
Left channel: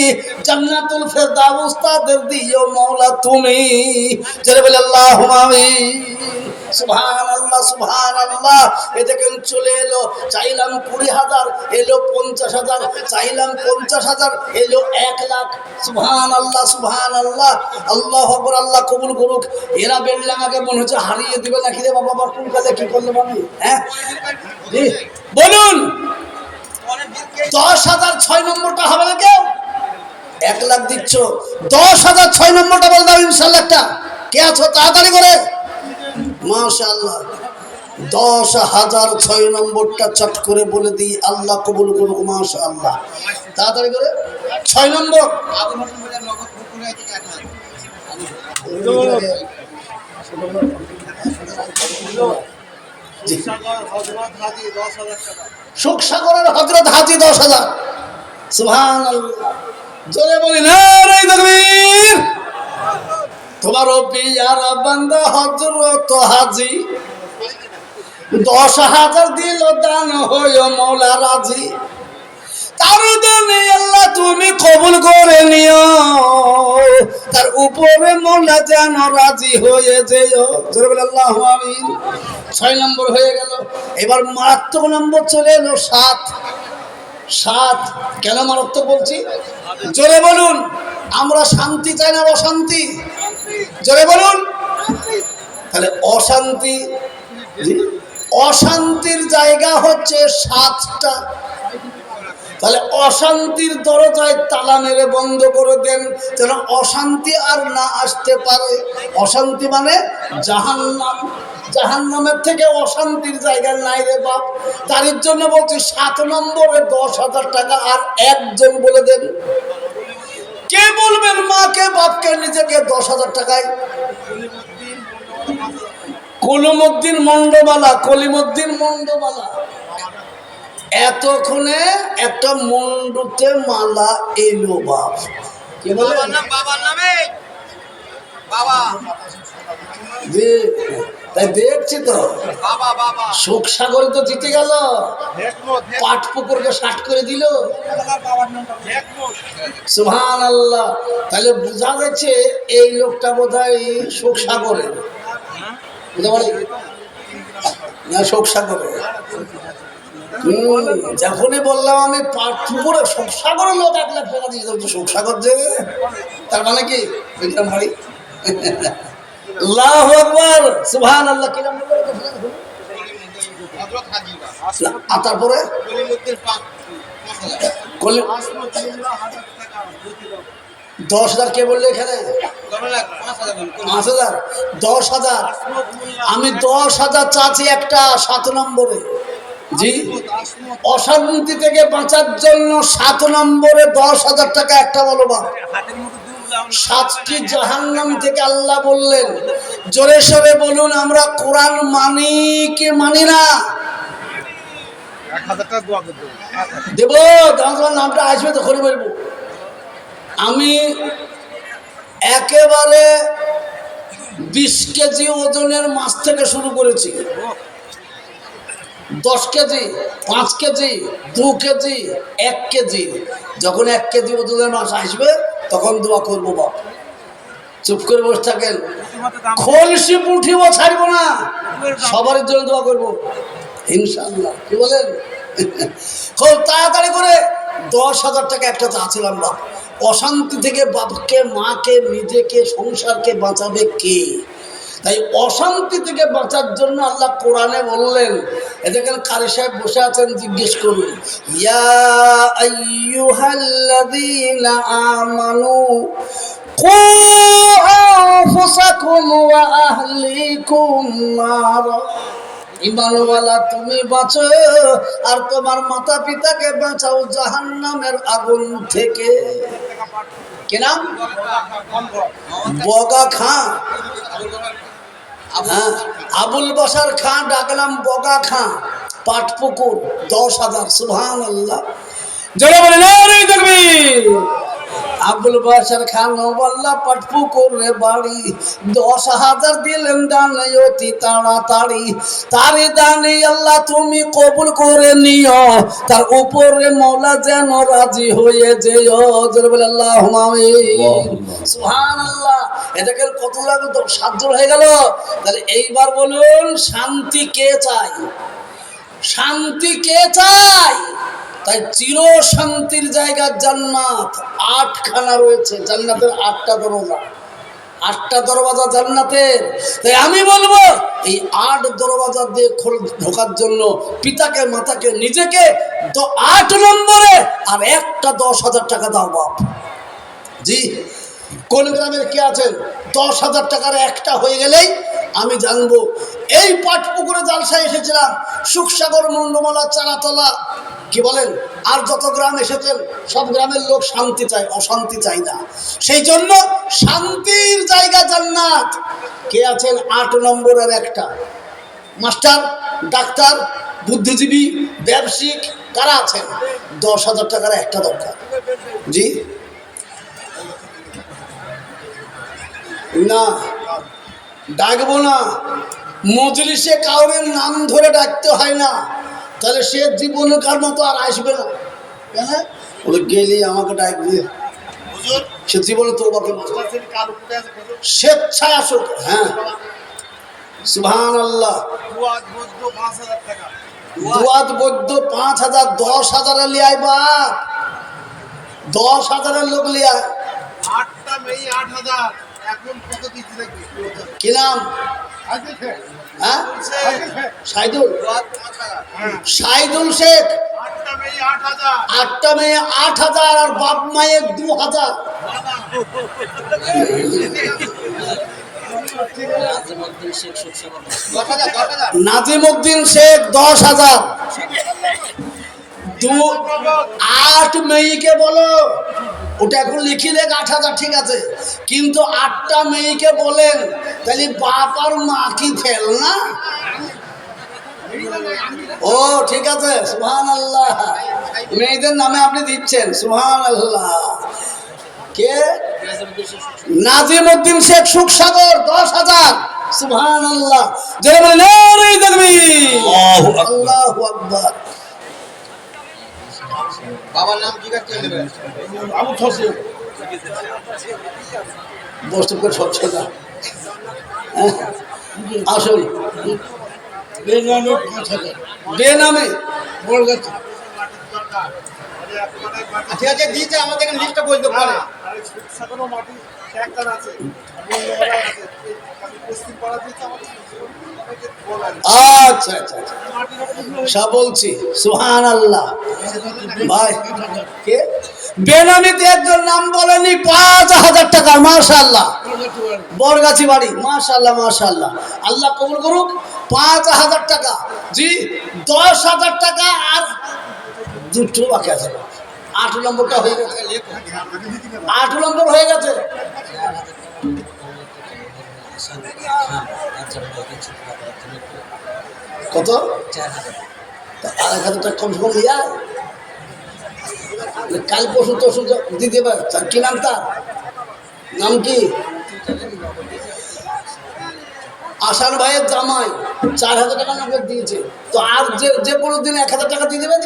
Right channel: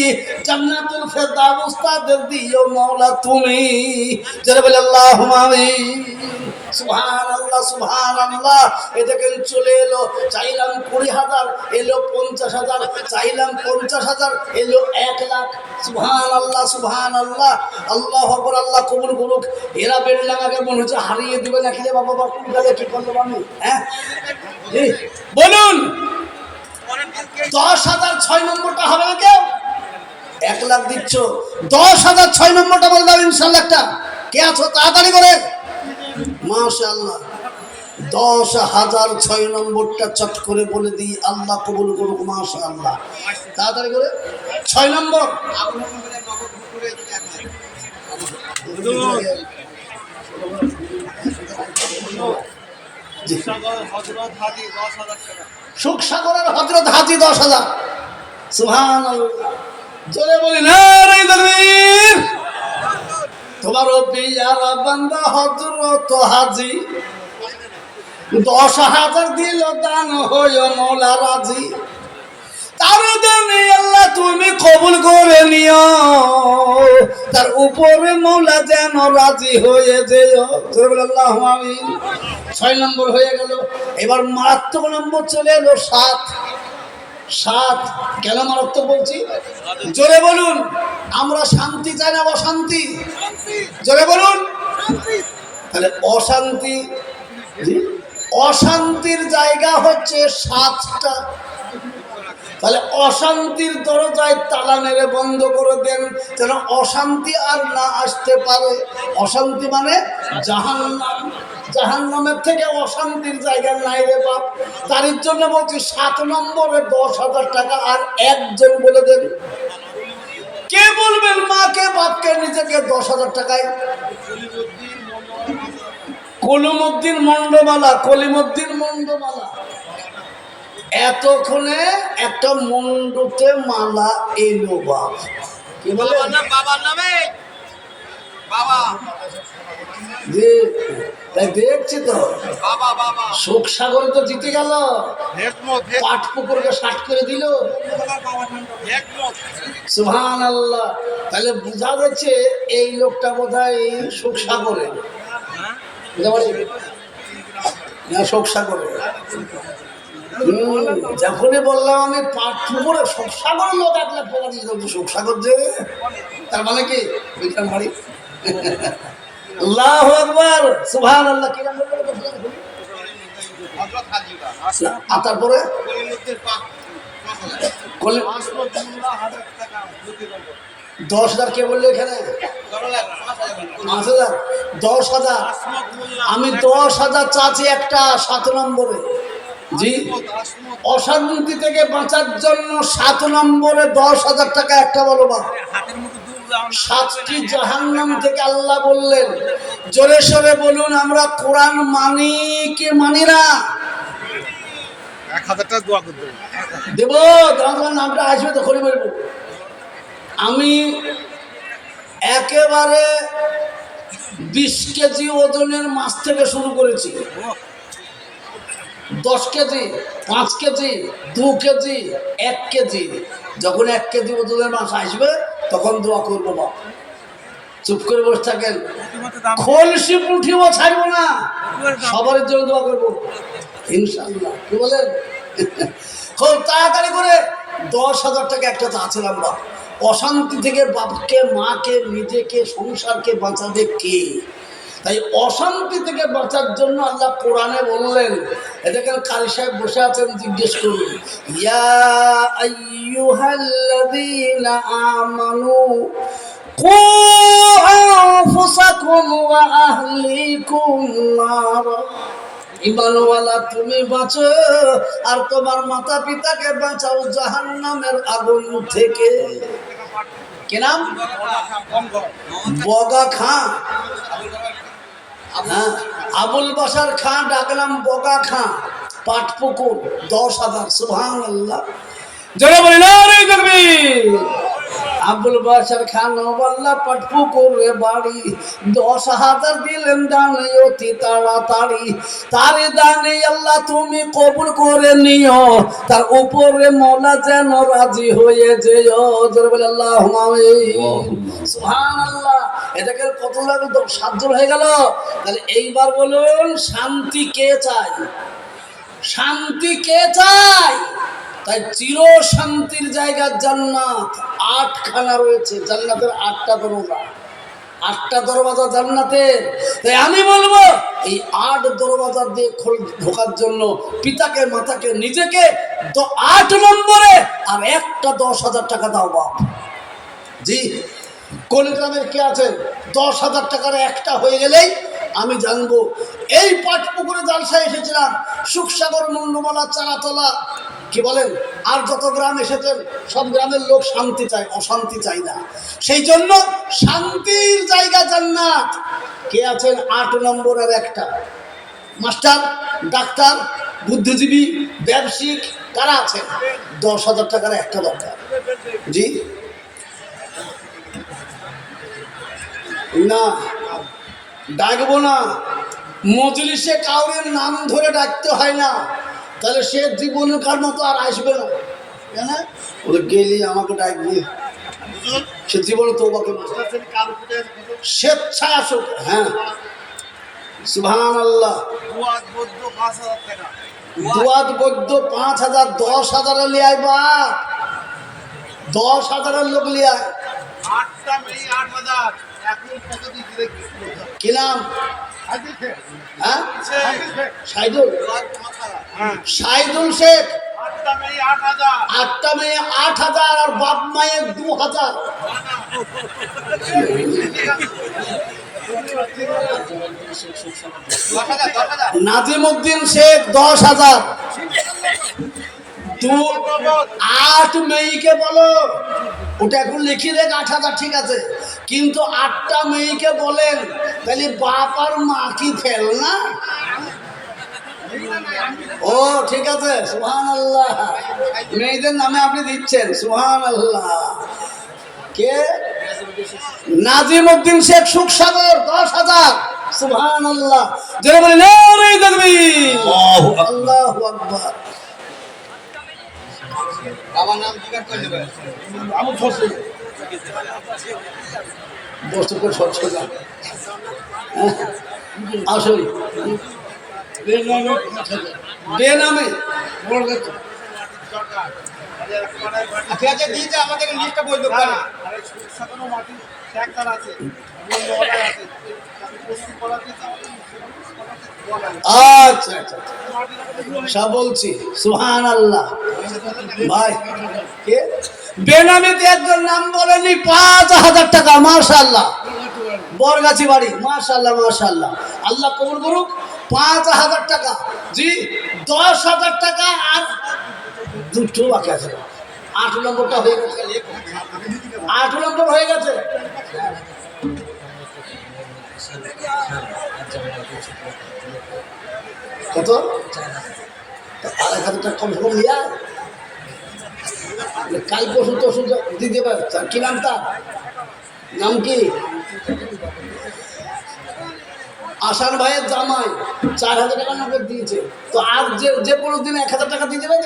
জান্নাতুল ফেরদাউস তাদের দিও মাওলা তুমি। যারা বলে আল্লাহুম্মা আমিন। সুবহানাল্লাহ সুবহানাল্লাহ। এ দেখেন চলে এলো, চাইলাম 20,000, এলো 50,000, চাইলাম 50,000, এলো 1 লাখ। সুবহানাল্লাহ সুবহানাল্লাহ। আল্লাহু আকবার, আল্লাহ কবুল করুক। এরা বেলডাঙাকে মনে হচ্ছে হারিয়ে দিবে নাকি রে বাবা, কোন কালে কি করলো আমি? হ্যাঁ জি, বলুন 10,000 6 নম্বরটা হবে না কেউ? 1 লাখ দিচ্ছ, 10,000 6 নম্বরটা বল দাও ইনশাআল্লাহ। একটা কে আছো তাড়াতাড়ি করে? মাশাআল্লাহ, 10,000 6 নম্বরটা চট করে বলে দিই, আল্লাহ কবুল করুক। মাশাআল্লাহ, তাড়াতাড়ি করে 6 নম্বর। সুখসাগরের হযরত হাজী 10,000। সুবহানাল্লাহ, জোরে বলি নারে তাকবীর। তোমার পিয়ারা বান্দা হযরত হাজী 10,000 দিল দান হয়ে মওলা রাজি। তার দানে আল্লাহ তুমি কবুল করে নিও, তার উপরে মওলা যেন রাজি হয়ে যেও। জোরে বলি আল্লাহু আমিন। 6 নম্বর হয়ে গেল। এবার মারাত্মক নম্বর চলে এলো 7। 7 কেন মারাত্মক বলছি? জোরে বলুন। আমরা শান্তি চাই না অশান্তি? জোরে বলুন। তাহলে অশান্তি, অশান্তির জায়গা হচ্ছে 7টা। তাহলে অশান্তির দরজায় তালা মেরে বন্ধ করে দেন, যেন অশান্তি আর না আসতে পারে। অশান্তি মানে জাহান্নাম। জাহান্নামের থেকে অশান্তির জায়গা নাই রে বাপ। তার জন্য বলছি 7 নম্বরে 10,000 টাকা। আর একজন বলে দেন, কে বলবেন মাকে বাপকে নিজেকে 10,000 টাকায়? কলিমুদ্দিন মন্ডবালা, কলিমুদ্দিন মন্ডবালা। এতক্ষণে একটা মন্ডুতে মালা এলো বাপ। কি বলে? বাবার নামে বাবা। জি, তাই দেখছি তো বাবা বাবা সুখসাগরে তো জিতে গেল, পাটপুকুরকে 60 করে দিল। সুবহানাল্লাহ। তাহলে বোঝা যাচ্ছে এই লোকটা বোধহয় সুখসাগরে না, সুখসাগরে। যখনই বললাম আমি পাটপুকুরে, সুখসাগরের লোক 1 লাখ টাকা দিয়ে দেবো। সুখসাগর যে, তার মানে কি ওইখান বাড়ি। আল্লাহু আকবার, সুবহানাল্লাহ। কি নাম বললো? আর তারপরে 10,000 কে বললো এখানে? 5,000। 10,000 আমি 10,000 চাচ্ছি একটা 7 নম্বরে। জি, অশান্তি থেকে বাঁচার জন্য 7 নম্বরে 10,000 টাকা একটা বলো বা। 7টি জাহান্নাম থেকে আল্লাহ বললেন। জোরে সোরে বলুন, আমরা কোরআন মানি কি মানি না? 1,000 টাকা দোয়া করবো দেব, তোমার নামটা আসবে তো করে বলবো। আমি একেবারে 20 কেজি ওজনের মাছ থেকে শুরু করেছি। 10 কেজি, 5 কেজি, 2 কেজি, 1 কেজি। যখন 1 কেজি ওজনের মাছ আসবে তখন দোয়া করবো বাপ। চুপ করে বসে থাকেন, খলসি পুঁঠিও ছাড়বো না, সবার জন্য দোয়া করবো ইনশাআল্লাহ। কি বলেন? খুব তাড়াতাড়ি করে 10,000 টাকা একটা চাচ্ছিলাম বাপ। অশান্তি থেকে বাপকে, মাকে, নিজেকে, সংসারকে বাঁচাবে কে? তাই অশান্তি থেকে বাঁচার জন্য আল্লাহ কোরআনে বললেন। এখানে কারি সাহেব বসে আছেন, জিজ্ঞেস করুন, ইয়া আইয়ুহাল্লাযীনা আমানু কু আনফুসাকুম ওয়া আহলিকুম নারা। ঈমানওয়ালা তুমি বাঁচো আর তোমার মাতা পিতাকে বাঁচাও জাহান্নামের আগুন থেকে। কি নাম? বগা খাঁ। হ্যাঁ, আবুল বাসার খাঁ ডাকলাম বগা খাঁ, আবুল বাশার খান ওয়াল্লা পাটপুকুরে বাড়ি 10,000 দিলেন দানে অতি তাড়াতাড়ি তারে দানে আল্লাহ তুমি কবুল করে নিও তার উপরে মওলা যেন রাজি হয়ে যেও জোরে বলে আল্লাহুম্মা আমিন সুবহানাল্লাহ এটাকে কত লাগে 7 জন হয়ে গেল তাহলে এইবার বলুন শান্তি কে চায় শান্তি কে চায় তাই চির শান্তির জায়গা জান্নাত 8খানা রয়েছে জান্নাতের 8টা দরজা 8টা দরওয়াজা জান্নাতের তাই আমি বলবো এই 8 দরওয়াজা দিয়ে ঢোকার জন্য পিতাকে মাতাকে নিজেকে 8 নম্বরে আর একটা 10,000 টাকা দাও বাপ জি কোন গ্রামের কে আছেন 10,000 টাকার একটা হয়ে গেলেই আমি জানবো এই পাটপুকুরে জালসায় এসেছিলাম সুখসাগর মন্ডমালা চারাতলা কি বলেন আর যত গ্রাম এসেছেন সব গ্রামের লোক শান্তি চায় অশান্তি চায় না সেই জন্য শান্তির জায়গা জান্নাত কে আছেন 8 নম্বরের একটা মাস্টার ডাক্তার বুদ্ধিজীবী ব্যবসায়িক কারা আছেন 10,000 টাকার একটা দরকার জি না ডাকবো না মজলিসে কাউরের নাম ধরে ডাকতে হয় না তাহলে সে জীবনকার মতো আর আসবে না কেন ওই গেলি আমাকে ডাকবে সে জীবনে তো স্বেচ্ছায় আসুক হ্যাঁ সুবহানাল্লাহ দুয়াত বৈদ্য 5,000 10,000 লিয়াই বাপ 10,000 লোক লিয়ায় 8টা মেয়ে 8,000 এখন কত দিতে দেখবি কি নাম হ্যাঁ সাইদুল সাইদুল শেখ 8টা মেয়ে 8,000 8টা মেয়ে 8,000 আর বাপ মায়ের 2,000 নাজিমউদ্দিন শেখ 10,000 8 মেয়েকে বলো ওটা এখন লিখিলে 8,000 ঠিক আছে কিন্তু 8টা মেয়েকে বলেন তাহলে বাপ আর মা কি ফেল না ও ঠিক আছে সুবহানাল্লাহ মেয়েদের নামে আপনি দিচ্ছেন সুবহানাল্লাহ কে নাজিমউদ্দিন শেখ সুখসাগর 10,000 সুবহানাল্লাহ জোরে বলেন নারে তাকবীর আল্লাহু আকবার বাবার নাম জিজ্ঞাসা করে নেবেন আবু ফসল বস্তু করে সচ্ছ না আসলে বেনামে বড় কথা ঠিক আছে দিয়েছে আমাদের লিস্টটা বলতে পারে আরে সুখসাগরও মাটি ট্র্যাক্টর আছে বন্ধুওয়ালা আছে পশ্চিম পাড়া দিতে আচ্ছা আচ্ছা সব বলছি সুবহানাল্লাহ ভাই কে বেনামিতে একজন নাম বলেনি 5,000 টাকা মাশাআল্লাহ বরগাছি বাড়ি মাশাআল্লাহ মাশাআল্লাহ আল্লাহ কবুল করুক 5,000 টাকা জি 10,000 টাকা আর দুটো বাকি আছে 8 নম্বরটা হয়ে গেছে 8 নম্বর হয়ে গেছে কত 4,000 টাকা কম কম লিয়া কাল পরশু তরশু দিতে পারে কি নাম তার নাম কি আসার ভাইয়ের জামাই 4,000 টাকা নগদ দিয়েছে তো আর যে কোনো দিন 1,000 টাকা দিয়ে দেবে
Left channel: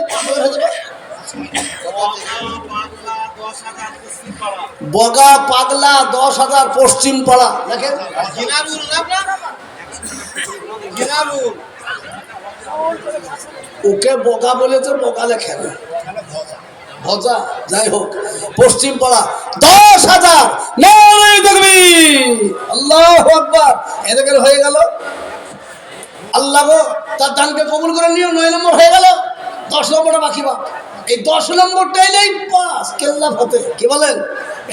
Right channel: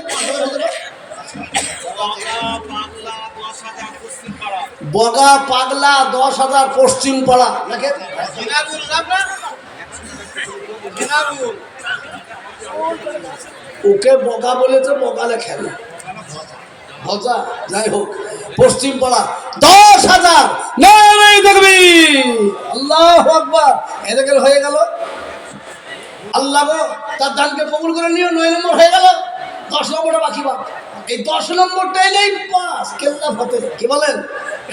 বগা পাগলা 10,000 পশ্চিম পাড়া দেখেন ওকে বগা বলেছে বগা লেখেন ভজা যাই হোক পশ্চিম পাড়া 10,000 নারে তাকবীর আল্লাহু আকবার এদিকে হয়ে গেল আল্লাহ গো তার দানকে কবুল করে নিও 9 নম্বর হয়ে গেল 10 নম্বরটা বাকি বা এই 10 নম্বরটা এলেই পাস কেল্লা ফতে কি বলেন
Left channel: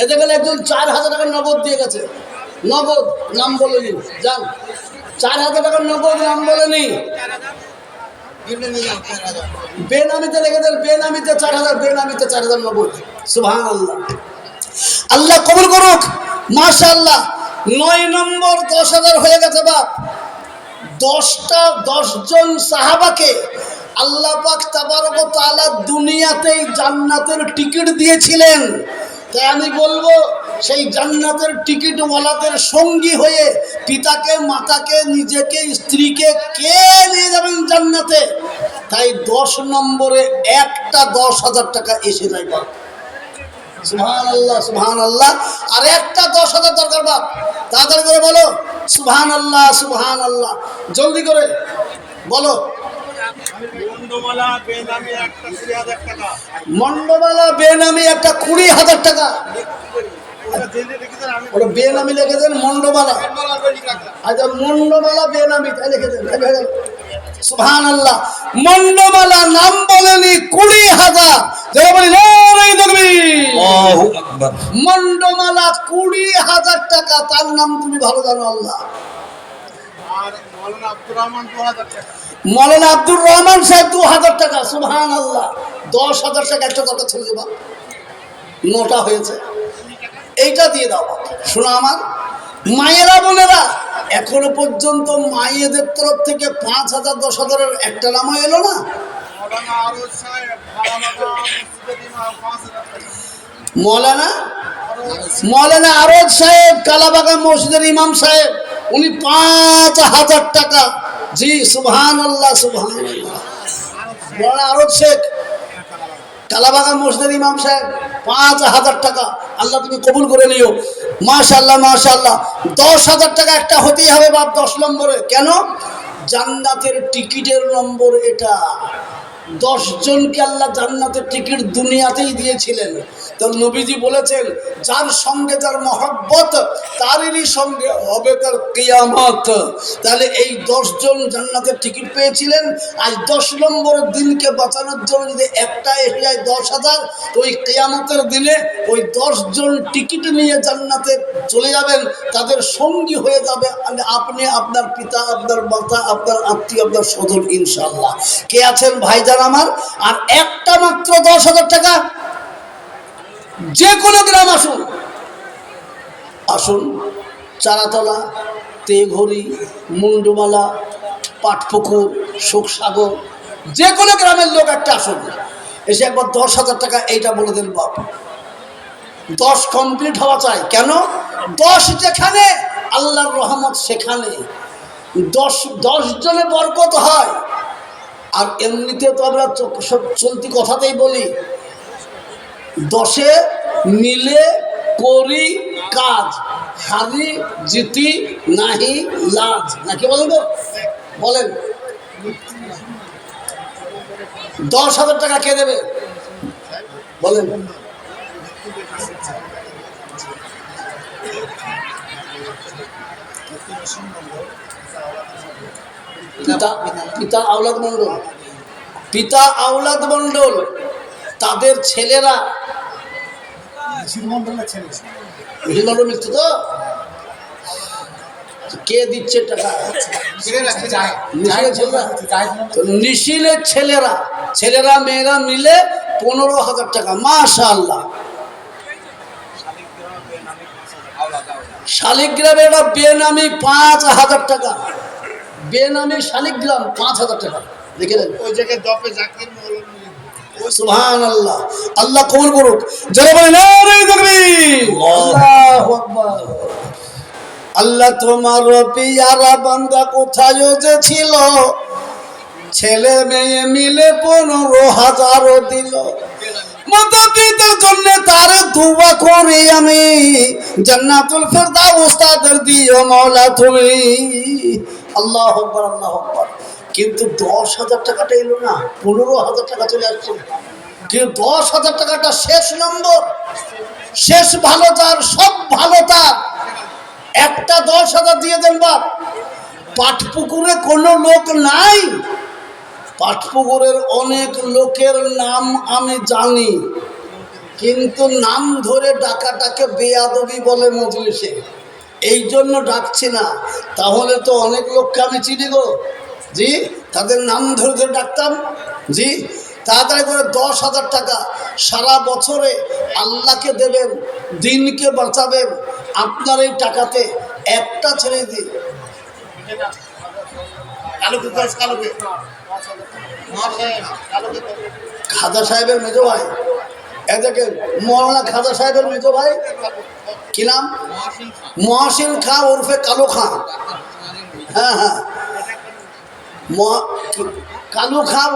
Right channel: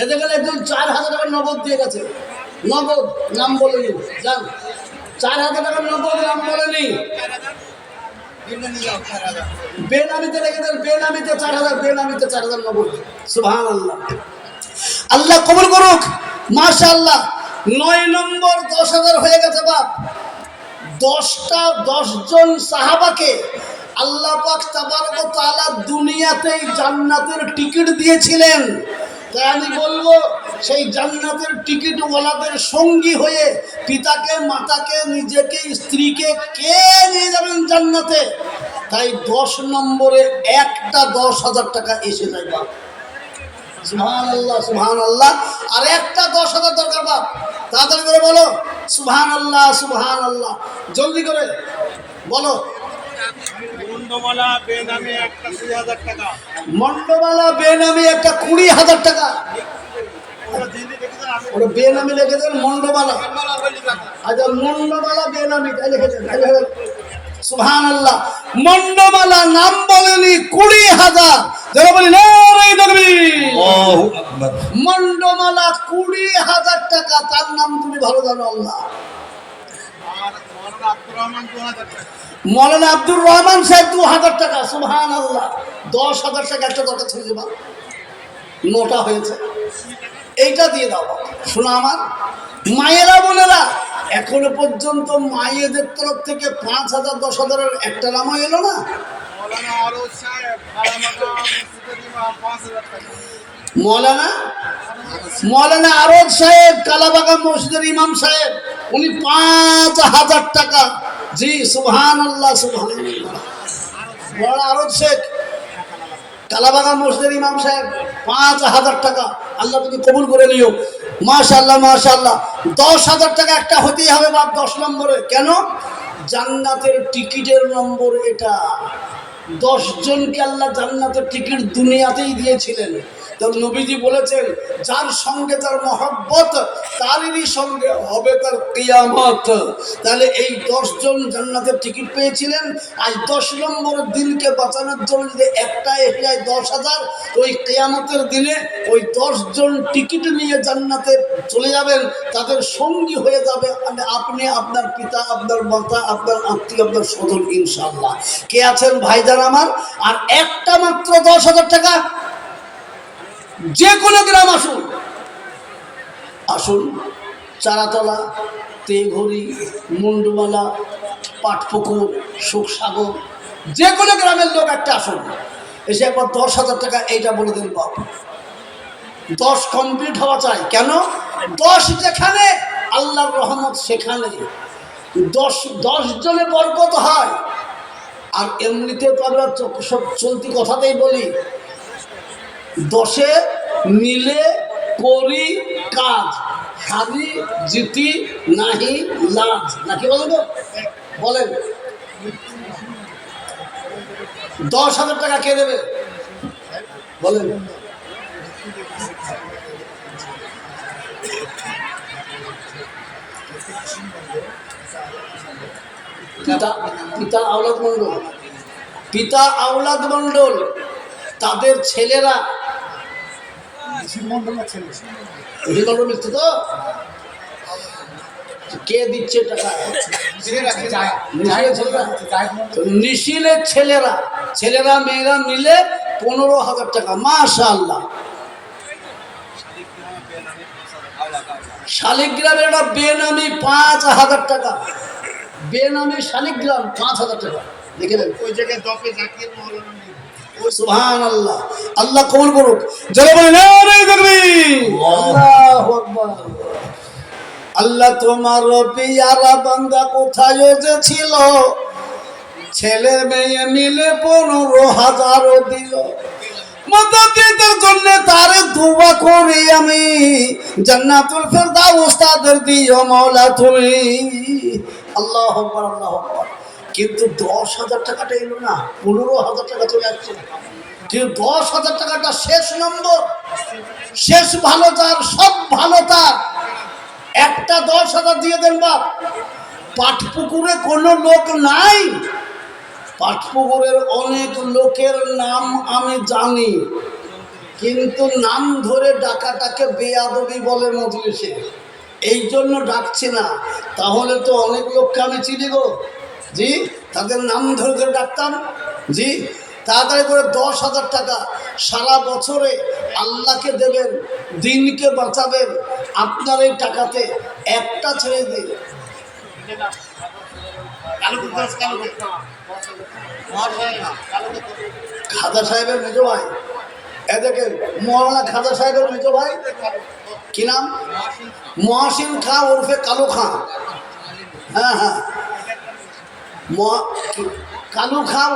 এতে গেলে একজন 4,000 টাকা নগদ দিয়ে গেছে নগদ নাম বলেনি যান 4,000 টাকা নগদ নাম বলেনি বেনামিতে রেখে দেন বেনামিতে 4,000 বেনামিতে 4,000 নগদ সুবহানাল্লাহ আল্লাহ কবুল করুক মাশাআল্লাহ 9 নম্বর 10,000 হয়ে গেছে বাপ 10 জন সাহাবাকে আল্লাহ পাক তাবারক ওয়া তাআলা দুনিয়াতেই জান্নাতের টিকিট দিয়েছিলেন তাই আমি বলবো সেই জান্নাতের টিকিটওয়ালাদের সঙ্গী হয়ে পিতাকে, মাতাকে, নিজেকে, স্ত্রীকে কে নিয়ে যাবেন জান্নাতে? তাই 10 নম্বরে একটা 10,000 টাকা এসে যায় বাপ। সুবহানাল্লাহ, সুবহানাল্লাহ। আর একটা 10,000 দরকার বাপ। তাড়াতাড়ি করে বলো সুবহানাল্লাহ, সুবহানাল্লাহ, জলদি করে বলো। মন্ডমালা বেনামে একটা 20,000 টাকা। মন্ডমালা বেনামি একটা 20,000 টাকা। ওরা জেনে রেখেছেন, আমি ওরা বেনামি লিখেছেন মন্ডমালা। মন্ডমালা বলে রাখলাম। আচ্ছা, মন্ডমালা বেনামি তাই লিখেছেন। সুবহানাল্লাহ। মন্ডমালা নাম বলেনি 20,000। যারা বলি নারায়ে তাকবীর। আল্লাহু আকবার। মন্ডমালা 20,000 টাকা। তার নাম তুমি ভালো জানো আল্লাহ। আর মৌলানা আব্দুর রহমান 2,000 টাকা। মৌলানা আব্দুর রহমান সাহেব 2,000 টাকা। সুবহানাল্লাহ। 10,000 টাকা একটা দরকার ছিল যে বাপ, নোটা হয়েছে, এইটা দিয়ে দাও। শোনো আমার মায়েরা, বোনেরা, এখনো পর্যন্ত মায়েদের তরফ থেকে 5,000 10,000-এর একটা নামও এলো না। মৌলানা আরো সাহেব ভাড়ামাগা মসজিদের ইমাম 5,000 টাকা। মৌলানা আরজ সাহেব কালাবাগান মসজিদের ইমাম সাহেব, উনি 5,000 টাকা। জি সুবহানাল্লাহ, সুবহানাল্লাহ। মৌলানা আরজ শেখ কালাবাগান মসজিদের ইমাম সাহেব 5,000 টাকা। আল্লাহ তুমি কবুল করে নিও। মাশাআল্লাহ, মাশাআল্লাহ। 10,000 টাকা একটা হতেই হবে বাপ 10 নম্বরে। কেন? জান্নাতের টিকিটের নম্বর এটা। 10 জনকে আল্লাহ জান্নাতের টিকিট দুনিয়াতেই দিয়েছিলেন। তো নবীজি বলেছেন, যার সঙ্গে যার মহব্বত তারই সঙ্গে হবে তার কিয়ামত। তাহলে এই 10 জন জান্নাতের টিকিট পেয়েছিলেন। আজ 10 নম্বর দিনকে বাঁচানোর জন্য যদি একটা এসে যায় 10,000, ওই কিয়ামতের দিনে ওই 10 জন টিকিট নিয়ে জান্নাতে চলে যাবেন। তাদের সঙ্গী হয়ে যাবে আপনি, আপনার পিতা, আপনার মাতা, আপনার আত্মীয়, আপনার স্বজন, ইনশাআল্লাহ। কে আছেন ভাইজান আমার? আর একটা মাত্র 10,000 টাকা। যে কোনো গ্রাম আসুন, আসুন চারাতলা, তেঘড়ি, মুন্ডুমালা, পাটপুকুর, সুখসাগর, যে কোনো গ্রামের লোক একটা আসুন, এসে একবার 10,000 টাকা এইটা বলে দেন বাপ। 10 কমপ্লিট হওয়া চাই। কেন? 10 যেখানে আল্লাহর রহমত সেখানে। 10 জনে বরকত হয়। আর এমনিতে তো আমরা সব চলতি কথাতেই বলি, 10 মিলে করি কাজ, হারি জিতি নাহি লাজ, নাকি বলবো? বলেন 10,000 টাকা কে দেবে? বলেন। পিতা আওলাদ মণ্ডল, পিতা আওলাদ মণ্ডল, তাদের ছেলেরা মণ্ডল মিলছে তো। কে দিচ্ছে টাকা? নিশিলের ছেলেরা, ছেলেরা মেয়েরা মিলে 15,000 টাকা। মাশাআল্লাহ। শালিগ্রামের একটা বেনামি 5,000 টাকা। বেনামি শালিগ্রাম 5,000 টাকা। দেখলেন? ওই জায়গায় দপে জাকির মৌলানা সুবহানাল্লাহ। আল্লাহ কবুল করুক। যারা বলেন নারায়ে তাকবীর। আল্লাহু আকবার। আল্লাহ তোমার পিয়ারা বান্দা কোথায় যে ছিল, ছেলে মেয়ে মিলে 15,000 দিল। মাতা পিতার জন্য তার দোয়া করি আমি, জান্নাতুল ফেরদাউস তাদের দিও মাওলা তুমি। আল্লাহু আকবার, আল্লাহু আকবার। কিন্তু 10,000 টাকাটা এলো না, 15,000 টাকা চলে আসছে। কিন্তু 10,000 টাকাটা শেষ নম্বর, শেষ ভালো তার, সব ভালো তার। একটা 10,000 দিয়ে দেন বাপ। পাটপুকুরে কোনো লোক নাই, পাটপুকুরের অনেক লোকের নাম আমি জানি, কিন্তু নাম ধরে ডাকাটাকে বেয়াদবি বলে মজলিসে, এই জন্য ডাকছি না। তাহলে তো অনেক লোককে আমি চিনি গো। জি, তাদের নাম ধরে ধরে ডাকতাম। জি, তাড়াতাড়ি করে 10,000 টাকা সারা বছরে আল্লাহকে দেবেন, দিনকে বাঁচাবেন। আপনার এই টাকাতে একটা ছেড়ে দিন। খাজা সাহেবের মেজো ভাই এ দেখেন মৌলানা খাজা সাহেবের মেজো ভাই, কি নাম? মহসিন খাঁ ওরফে কালু খাঁ। হ্যাঁ হ্যাঁ, কালু খাঁ,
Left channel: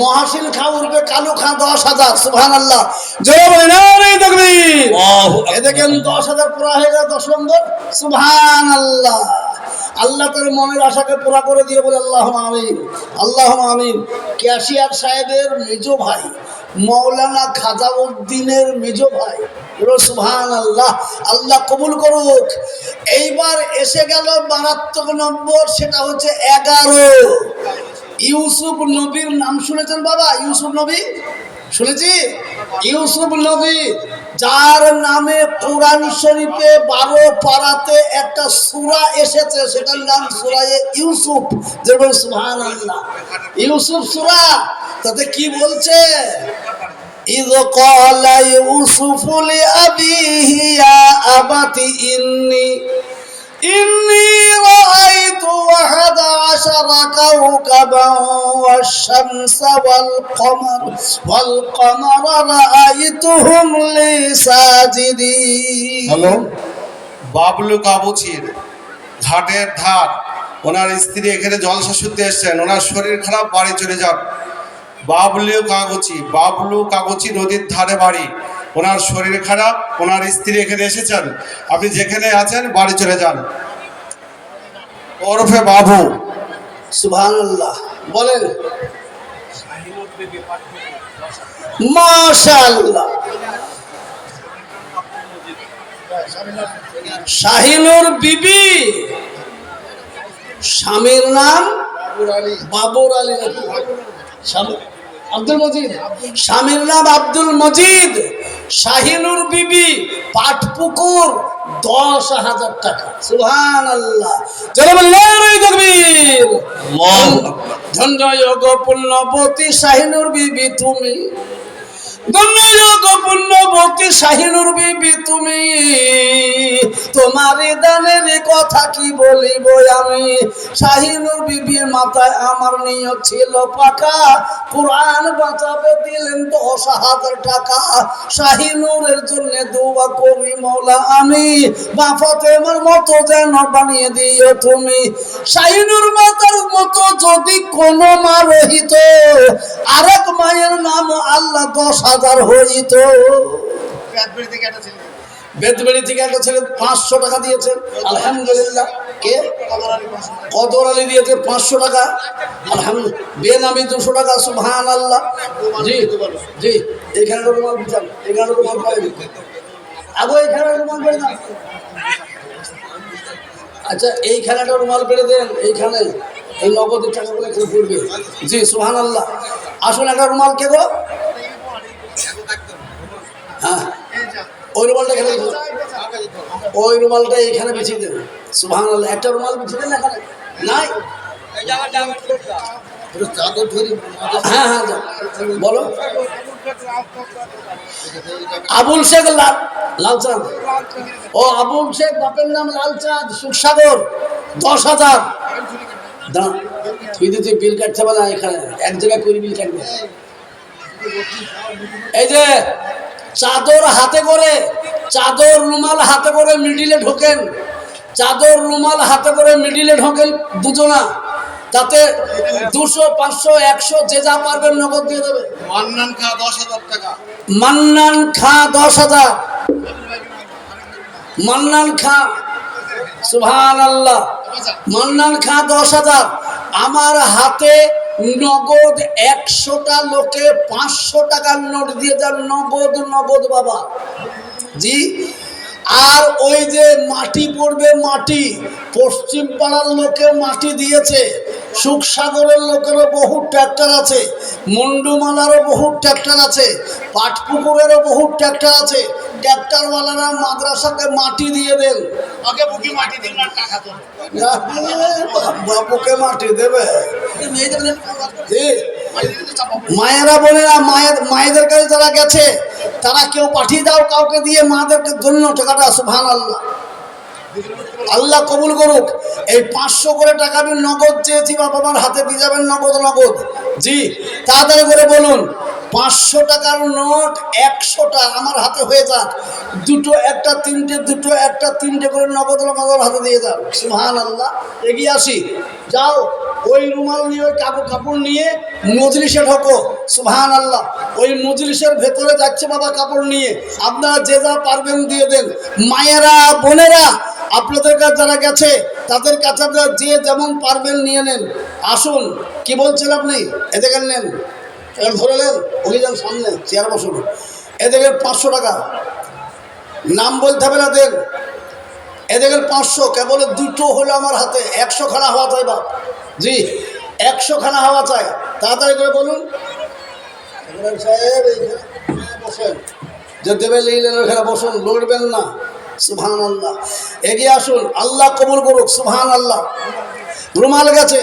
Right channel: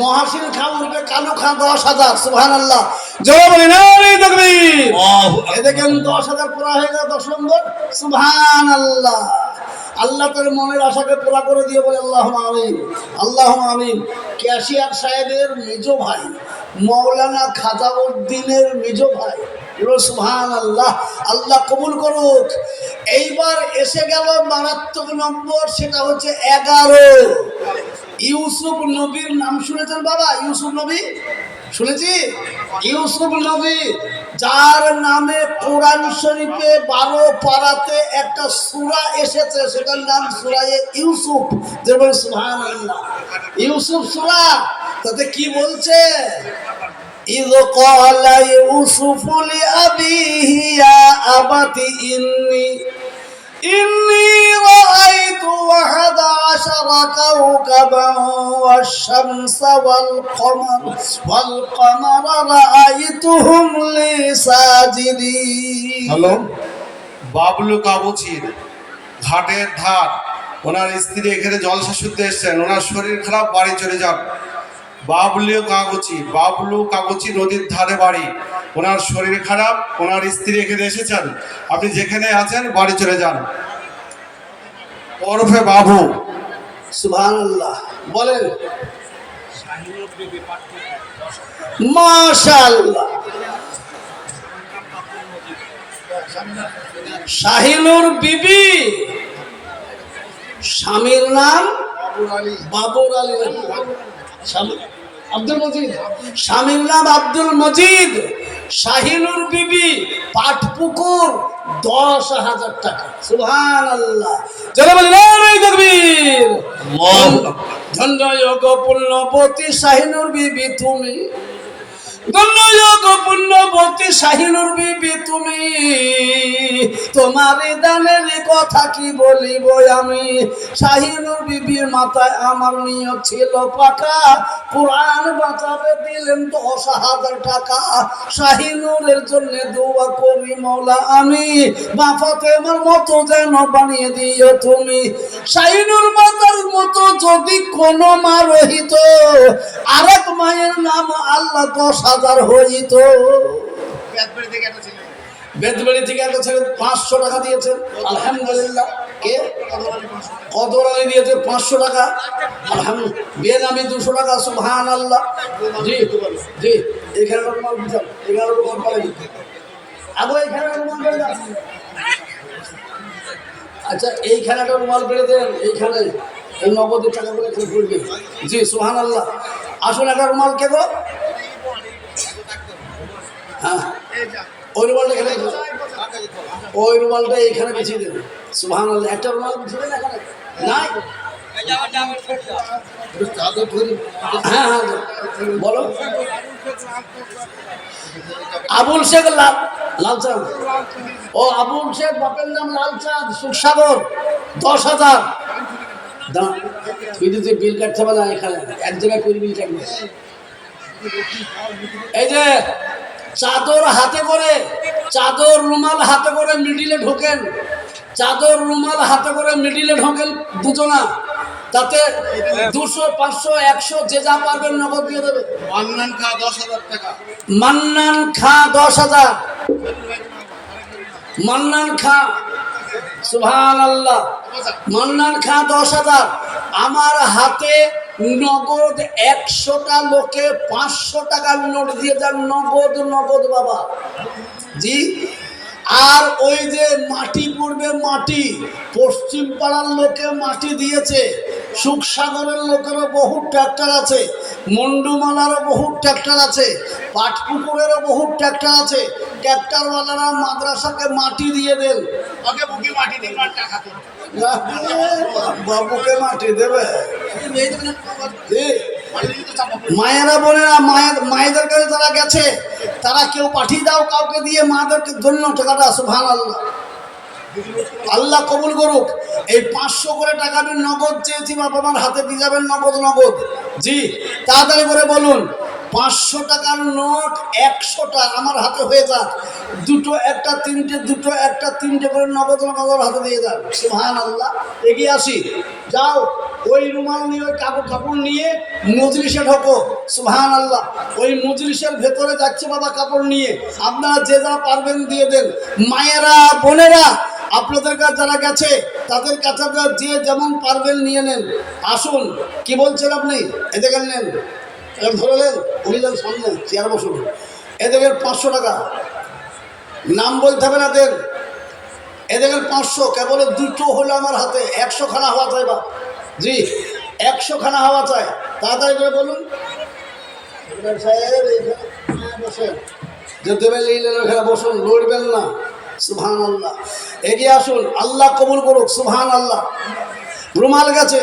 মহসিন খাঁ উর্ফে কালু খাঁ 10,000। সুবহানাল্লাহ, জোরে বলেন এই তাকবীর। এ দেখেন 10,000 পুরা হয়ে গেল 10 নম্বর। সুবহানাল্লাহ, আল্লাহ তার মনের আশাকে পুরা করে দিয়ে বলে আল্লাহুম্মা আমিন, আল্লাহুম্মা আমিন। ক্যাশিয়ার সাহেবের মেজো ভাই মৌলানা খাজাউদ্দিনের মেজো ভাই, সুবহানাল্লাহ, আল্লাহ কবুল করুক। এইবার এসে গেল মারাত্মক নম্বর, সেটা হচ্ছে 11। ইউসুফ নবীর নাম শুনেছেন বাবা? ইউসুফ নবী শুনেছি? ইউসুফ নবী, যার নামে কোরআন শরীফে 12 পারাতে একটা সূরা এসেছে, সেটার নাম সূরায়ে ইউসুফ। যেমন সুবহানাল্লাহ, ইউসুফ সূরা, তাতে কি বলছে? ইয ক্বালা ইউসুফু লিআবিহি ইয়া আবাতি ইন্নী রাআইতু 11 কাওকাবান ওয়াশ-শামসা ওয়াল-কমারা রাআইতুহুম লি সাজিদিন। হ্যালো, বাবলু কাবুচির ঘাটের ধার, ওনার স্ত্রী এখানে জলসা শুনতে এসছেন, ওনার শরীর খারাপ, বাড়ি চলে যান। বাবলু কাগজি নদীর ধারে বাড়ি, ওনার শরীর খারাপ, ওনার স্ত্রী এখানে এসেছেন, আপনি যেখানে আছেন বাড়ি চলে যান। ওরফে বাবু। সুবহানাল্লাহ, বলেন মাশাআল্লাহ। শাহিনুর বিবি, স্বামীর নাম বাবুর আলী, আব্দুল মজিদ, স্বামীর নাম আব্দুল মজিদ। শাহিনুর বিবি, পাটপুকুর, 10,000 টাকা। সুবহানাল্লাহ, জোরে বলেন এই তাকবীর। ধন্য যোগ পুণ্যবতী শাহিনুর বিবি তুমি, ধন্য যোগ পুণ্যবতী শাহিনুর বিবি তুমি, তোমার দানের কথা কি বলিব আমি। শাহিনুর বিবির মাথায় আমার নিয়ত ছিল পাকা, কোরআন বাঁচাবে দিলেন 10,000 টাকা। শাহিনুরের জন্য দোয়া করি মওলা আমি, বাফাতে আমার মতো যেন বানিয়ে দিও তুমি। শাহিনুর মাতার মতো যদি কোনো মা রহিত, আরেক মায়ের নাম আল্লাহ 10,000 হইত। বেদবাড়ি থেকে একটা ছেলে 500 টাকা দিয়েছে, আলহামদুলিল্লাহ। কে? কদর আলী দিয়েছে 500 টাকা, আলহামদুলিল্লাহ। বেনামি 200 টাকা। সুবহানাল্লাহ। জি জি, এখানে রুমাল দিতাম, এখানে রুমাল পাই আগে, এখানে রুমাল পেড়ে দেন। আচ্ছা, এইখানে একটা রুমাল পেড়ে দেন, এইখানে এই নগদের টাকাগুলো এখানে পড়বে। জি সুবহানাল্লাহ। আসুন, একটা রুমাল কে গো? হ্যাঁ, ওই রুমালটা এখানে, ওই রুমালটা এইখানে বিছিয়ে দেবে। সুবহানাল্লাহ, একটা রুমাল বিছিয়ে দেন এখানে। নাই, হ্যাঁ হ্যাঁ, বলো। আবুল শেখ লালচাঁদ। ও আবুল শেখ, বাপের নাম লালচাঁদ, সুখসাগর, 10,000। তুই দিতে বিল কাটতে পারে না, এখানে এক জায়গায় করে বিল কাটবে। এই যে চাদর হাতে করে, চাদর রুমাল হাতে করে মিডিলে ঢোকেন, চাদর রুমাল হাতে করে মিডিলে ঢোকেন দুজনা, তাতে 200, 500, 100 যে যা পারবেন নগদ দিয়ে দেবে। মান্নান খা 10,000 টাকা। মান্নান খা 10,000। মান্নান খা, সুবহানাল্লাহ, মান্নান খা 10,000। আমার হাতে নগদ 100টা লোকে 500 টাকার নোট দিয়ে যান, নগদ নগদ বাবা। জি, আর ওই যে মাটি পড়বে, মাটি পশ্চিম পাড়ার লোকে মাটি দিয়েছে, সুখসাগরের লোকেরও বহু ট্র্যাক্টর আছে, মন্ডুমালারও বহু ট্র্যাক্টর আছে, পাটপুকুরেরও বহু ট্র্যাক্টর আছে। ট্র্যাক্টরওয়ালারা মাদ্রাসাকে মাটি দিয়ে দেন। আগে বুকে মাটি দিন না, টাকা তো বাবুকে মাটি দেবে। মায়েরা বোনেরা, মায়েদের কাছে যারা গেছে, তারা কেউ পাঠিয়ে দাও কাউকে দিয়ে, মাদেরকে ধন্য টাকাটা। সুবহানাল্লাহ, আল্লাহ কবুল করুক। এই 500 করে টাকা আমি নগদ চেয়েছি, বাবা আমার হাতে দিয়ে যাবেন, নগদ নগদ। জি, তাড়াতাড়ি করে বলুন। 500 টাকার নোট 100টা আমার হাতে হয়ে যাক, দুটো একটা তিনটে, দুটো একটা তিনটে করে নগদ নগদ হাতে দিয়ে যান। সুবহানাল্লাহ। এগিয়ে আসি, যাও ওই রুমাল নিয়ে, ওই কাপড় নিয়ে মজলিসে ঢোকো। সুবহানাল্লাহ। ওই মজলিসের ভেতরে যাচ্ছে বাবা কাপড় নিয়ে, আপনারা যে যা পারবেন দিয়ে দেন। মায়েরা বোনেরা আপনাদের কাছে যারা গেছে তাদের কাছে আপনারা যে যেমন পারবেন নিয়ে নেন। আসুন, কি বলছেন আপনি? এদিকে নেন, ধরে নেন, অভিযান সামনে চেয়ার বসুন। এদিকে 500 টাকা, নাম বলতে হবে না, দেন। এদিকে 500, কেবল দুটো হলো আমার হাতে, 100 খানা হওয়া চাই বা জি, 100 খানা হওয়া চাই, তাড়াতাড়ি করে বলুন। সাহেব এইখানে বসেন, যে দেবে নিলেন ওখানে বসুন, লড়বেন না। সুবহানাল্লাহ। এগিয়ে আসুন, আল্লাহ কবুল করুক। সুবহানাল্লাহ। রুমাল গেছে,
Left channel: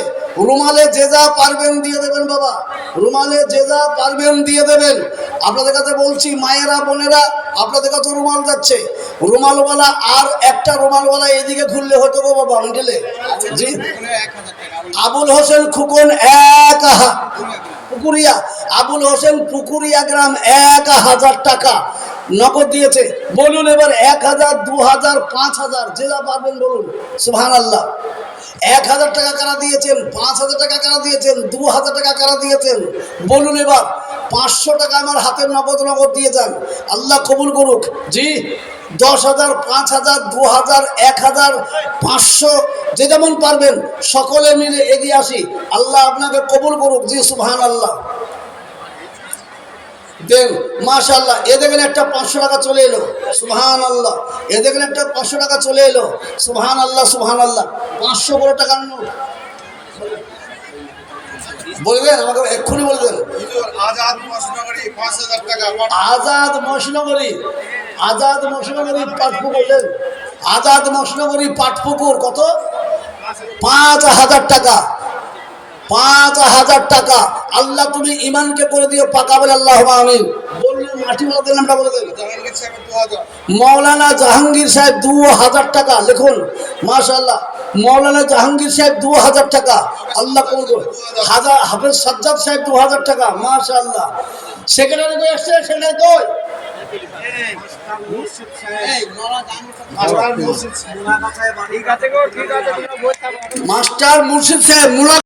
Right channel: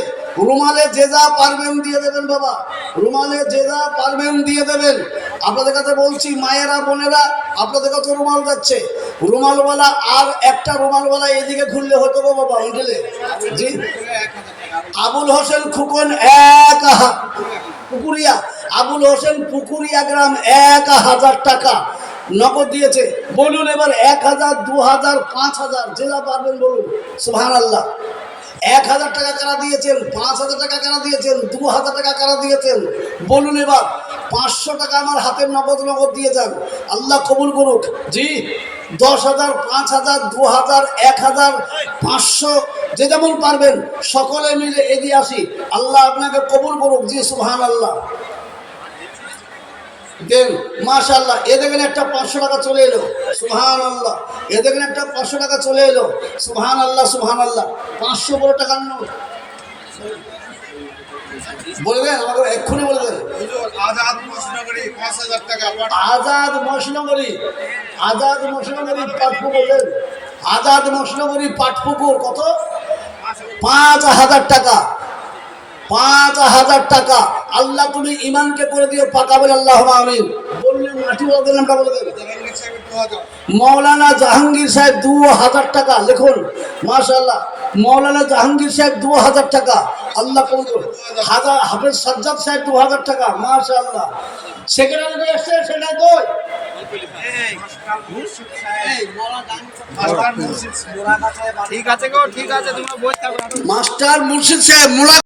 রুমালে যে যা পারবেন দিয়ে দেবেন বাবা, রুমালে যে যা পারবেন দিয়ে দেবেন। আপনাদের কাছে বলছি মায়েরা বোনেরা, আপনাদের কাছে রুমাল যাচ্ছে, রুমালওয়ালা আর একটা রুমালওয়ালা এদিকে ঘুরলে হতো গো বাবা মিডলে। জি, আবুল হোসেন খুকন পুকুরিয়া, আবুল হোসেন পুকুরিয়া গ্রাম 1000 টাকা নগদ দিয়েছে। বলুন এবার 1000, 2000, 5000 যে যা পারবেন বলুন। সুবহানাল্লাহ। 1000 টাকা কারা দিয়েছেন, 5000 টাকা কারা দিয়েছেন, 2000 টাকা কারা দিয়েছেন বলুন। এবার 500 টাকা আমার হাতের নগদ দিয়ে যান, আল্লাহ কবুল করুক। জি, 10,000, 5,000, 2,000, 1,000, 500 যে যেমন পারবেন সকলে মিলে এগিয়ে আসি, আল্লাহ আপনাকে কবুল করুক। জি, সুবহানাল্লাহ। দেন, মাশাআল্লাহ। এ দেখেন একটা 500 টাকা চলে এলো। সুবহানাল্লাহ। এ দেখেন একটা 500 টাকা চলে এলো। সুবহানাল্লাহ, সুবহানাল্লাহ। 500 বড় টাকার নোট বলবেন আমাকে, এক্ষুনি বলে দেন। আজাদ মশনগরী 5,000 টাকা। আজাদ মশনগরী, আজাদ মশনগরী পাটপুকুর, আজাদ মশনগরী পাটপুকুর কত? 5,000 টাকা। 5,000 টাকা। আল্লাহ তুমি ইমানকে করে দিও পাকা, বলে আল্লাহ আমিন। বললেন মাটি বলে দেন, নামটা বলে দেন। জাহাঙ্গীর সাহেব 2000। মৌলানা জাহাঙ্গীর সাহেব 2000 টাকা লিখুন। মাশাআল্লাহ। মৌলানা জাহাঙ্গীর সাহেব 2000 টাকা, আল্লাহ কবুল করুন। হাফেজ সাজ্জাদ সাহেব 2000 টাকা, মাশাআল্লাহ। সেক্রেটারি কই আসছে? সেক্রেটারি কই? ঠিক আছে গো, ঠিক আছে, তোমরা বই থাকো। মাস্টার মুর্শিদ সাহেব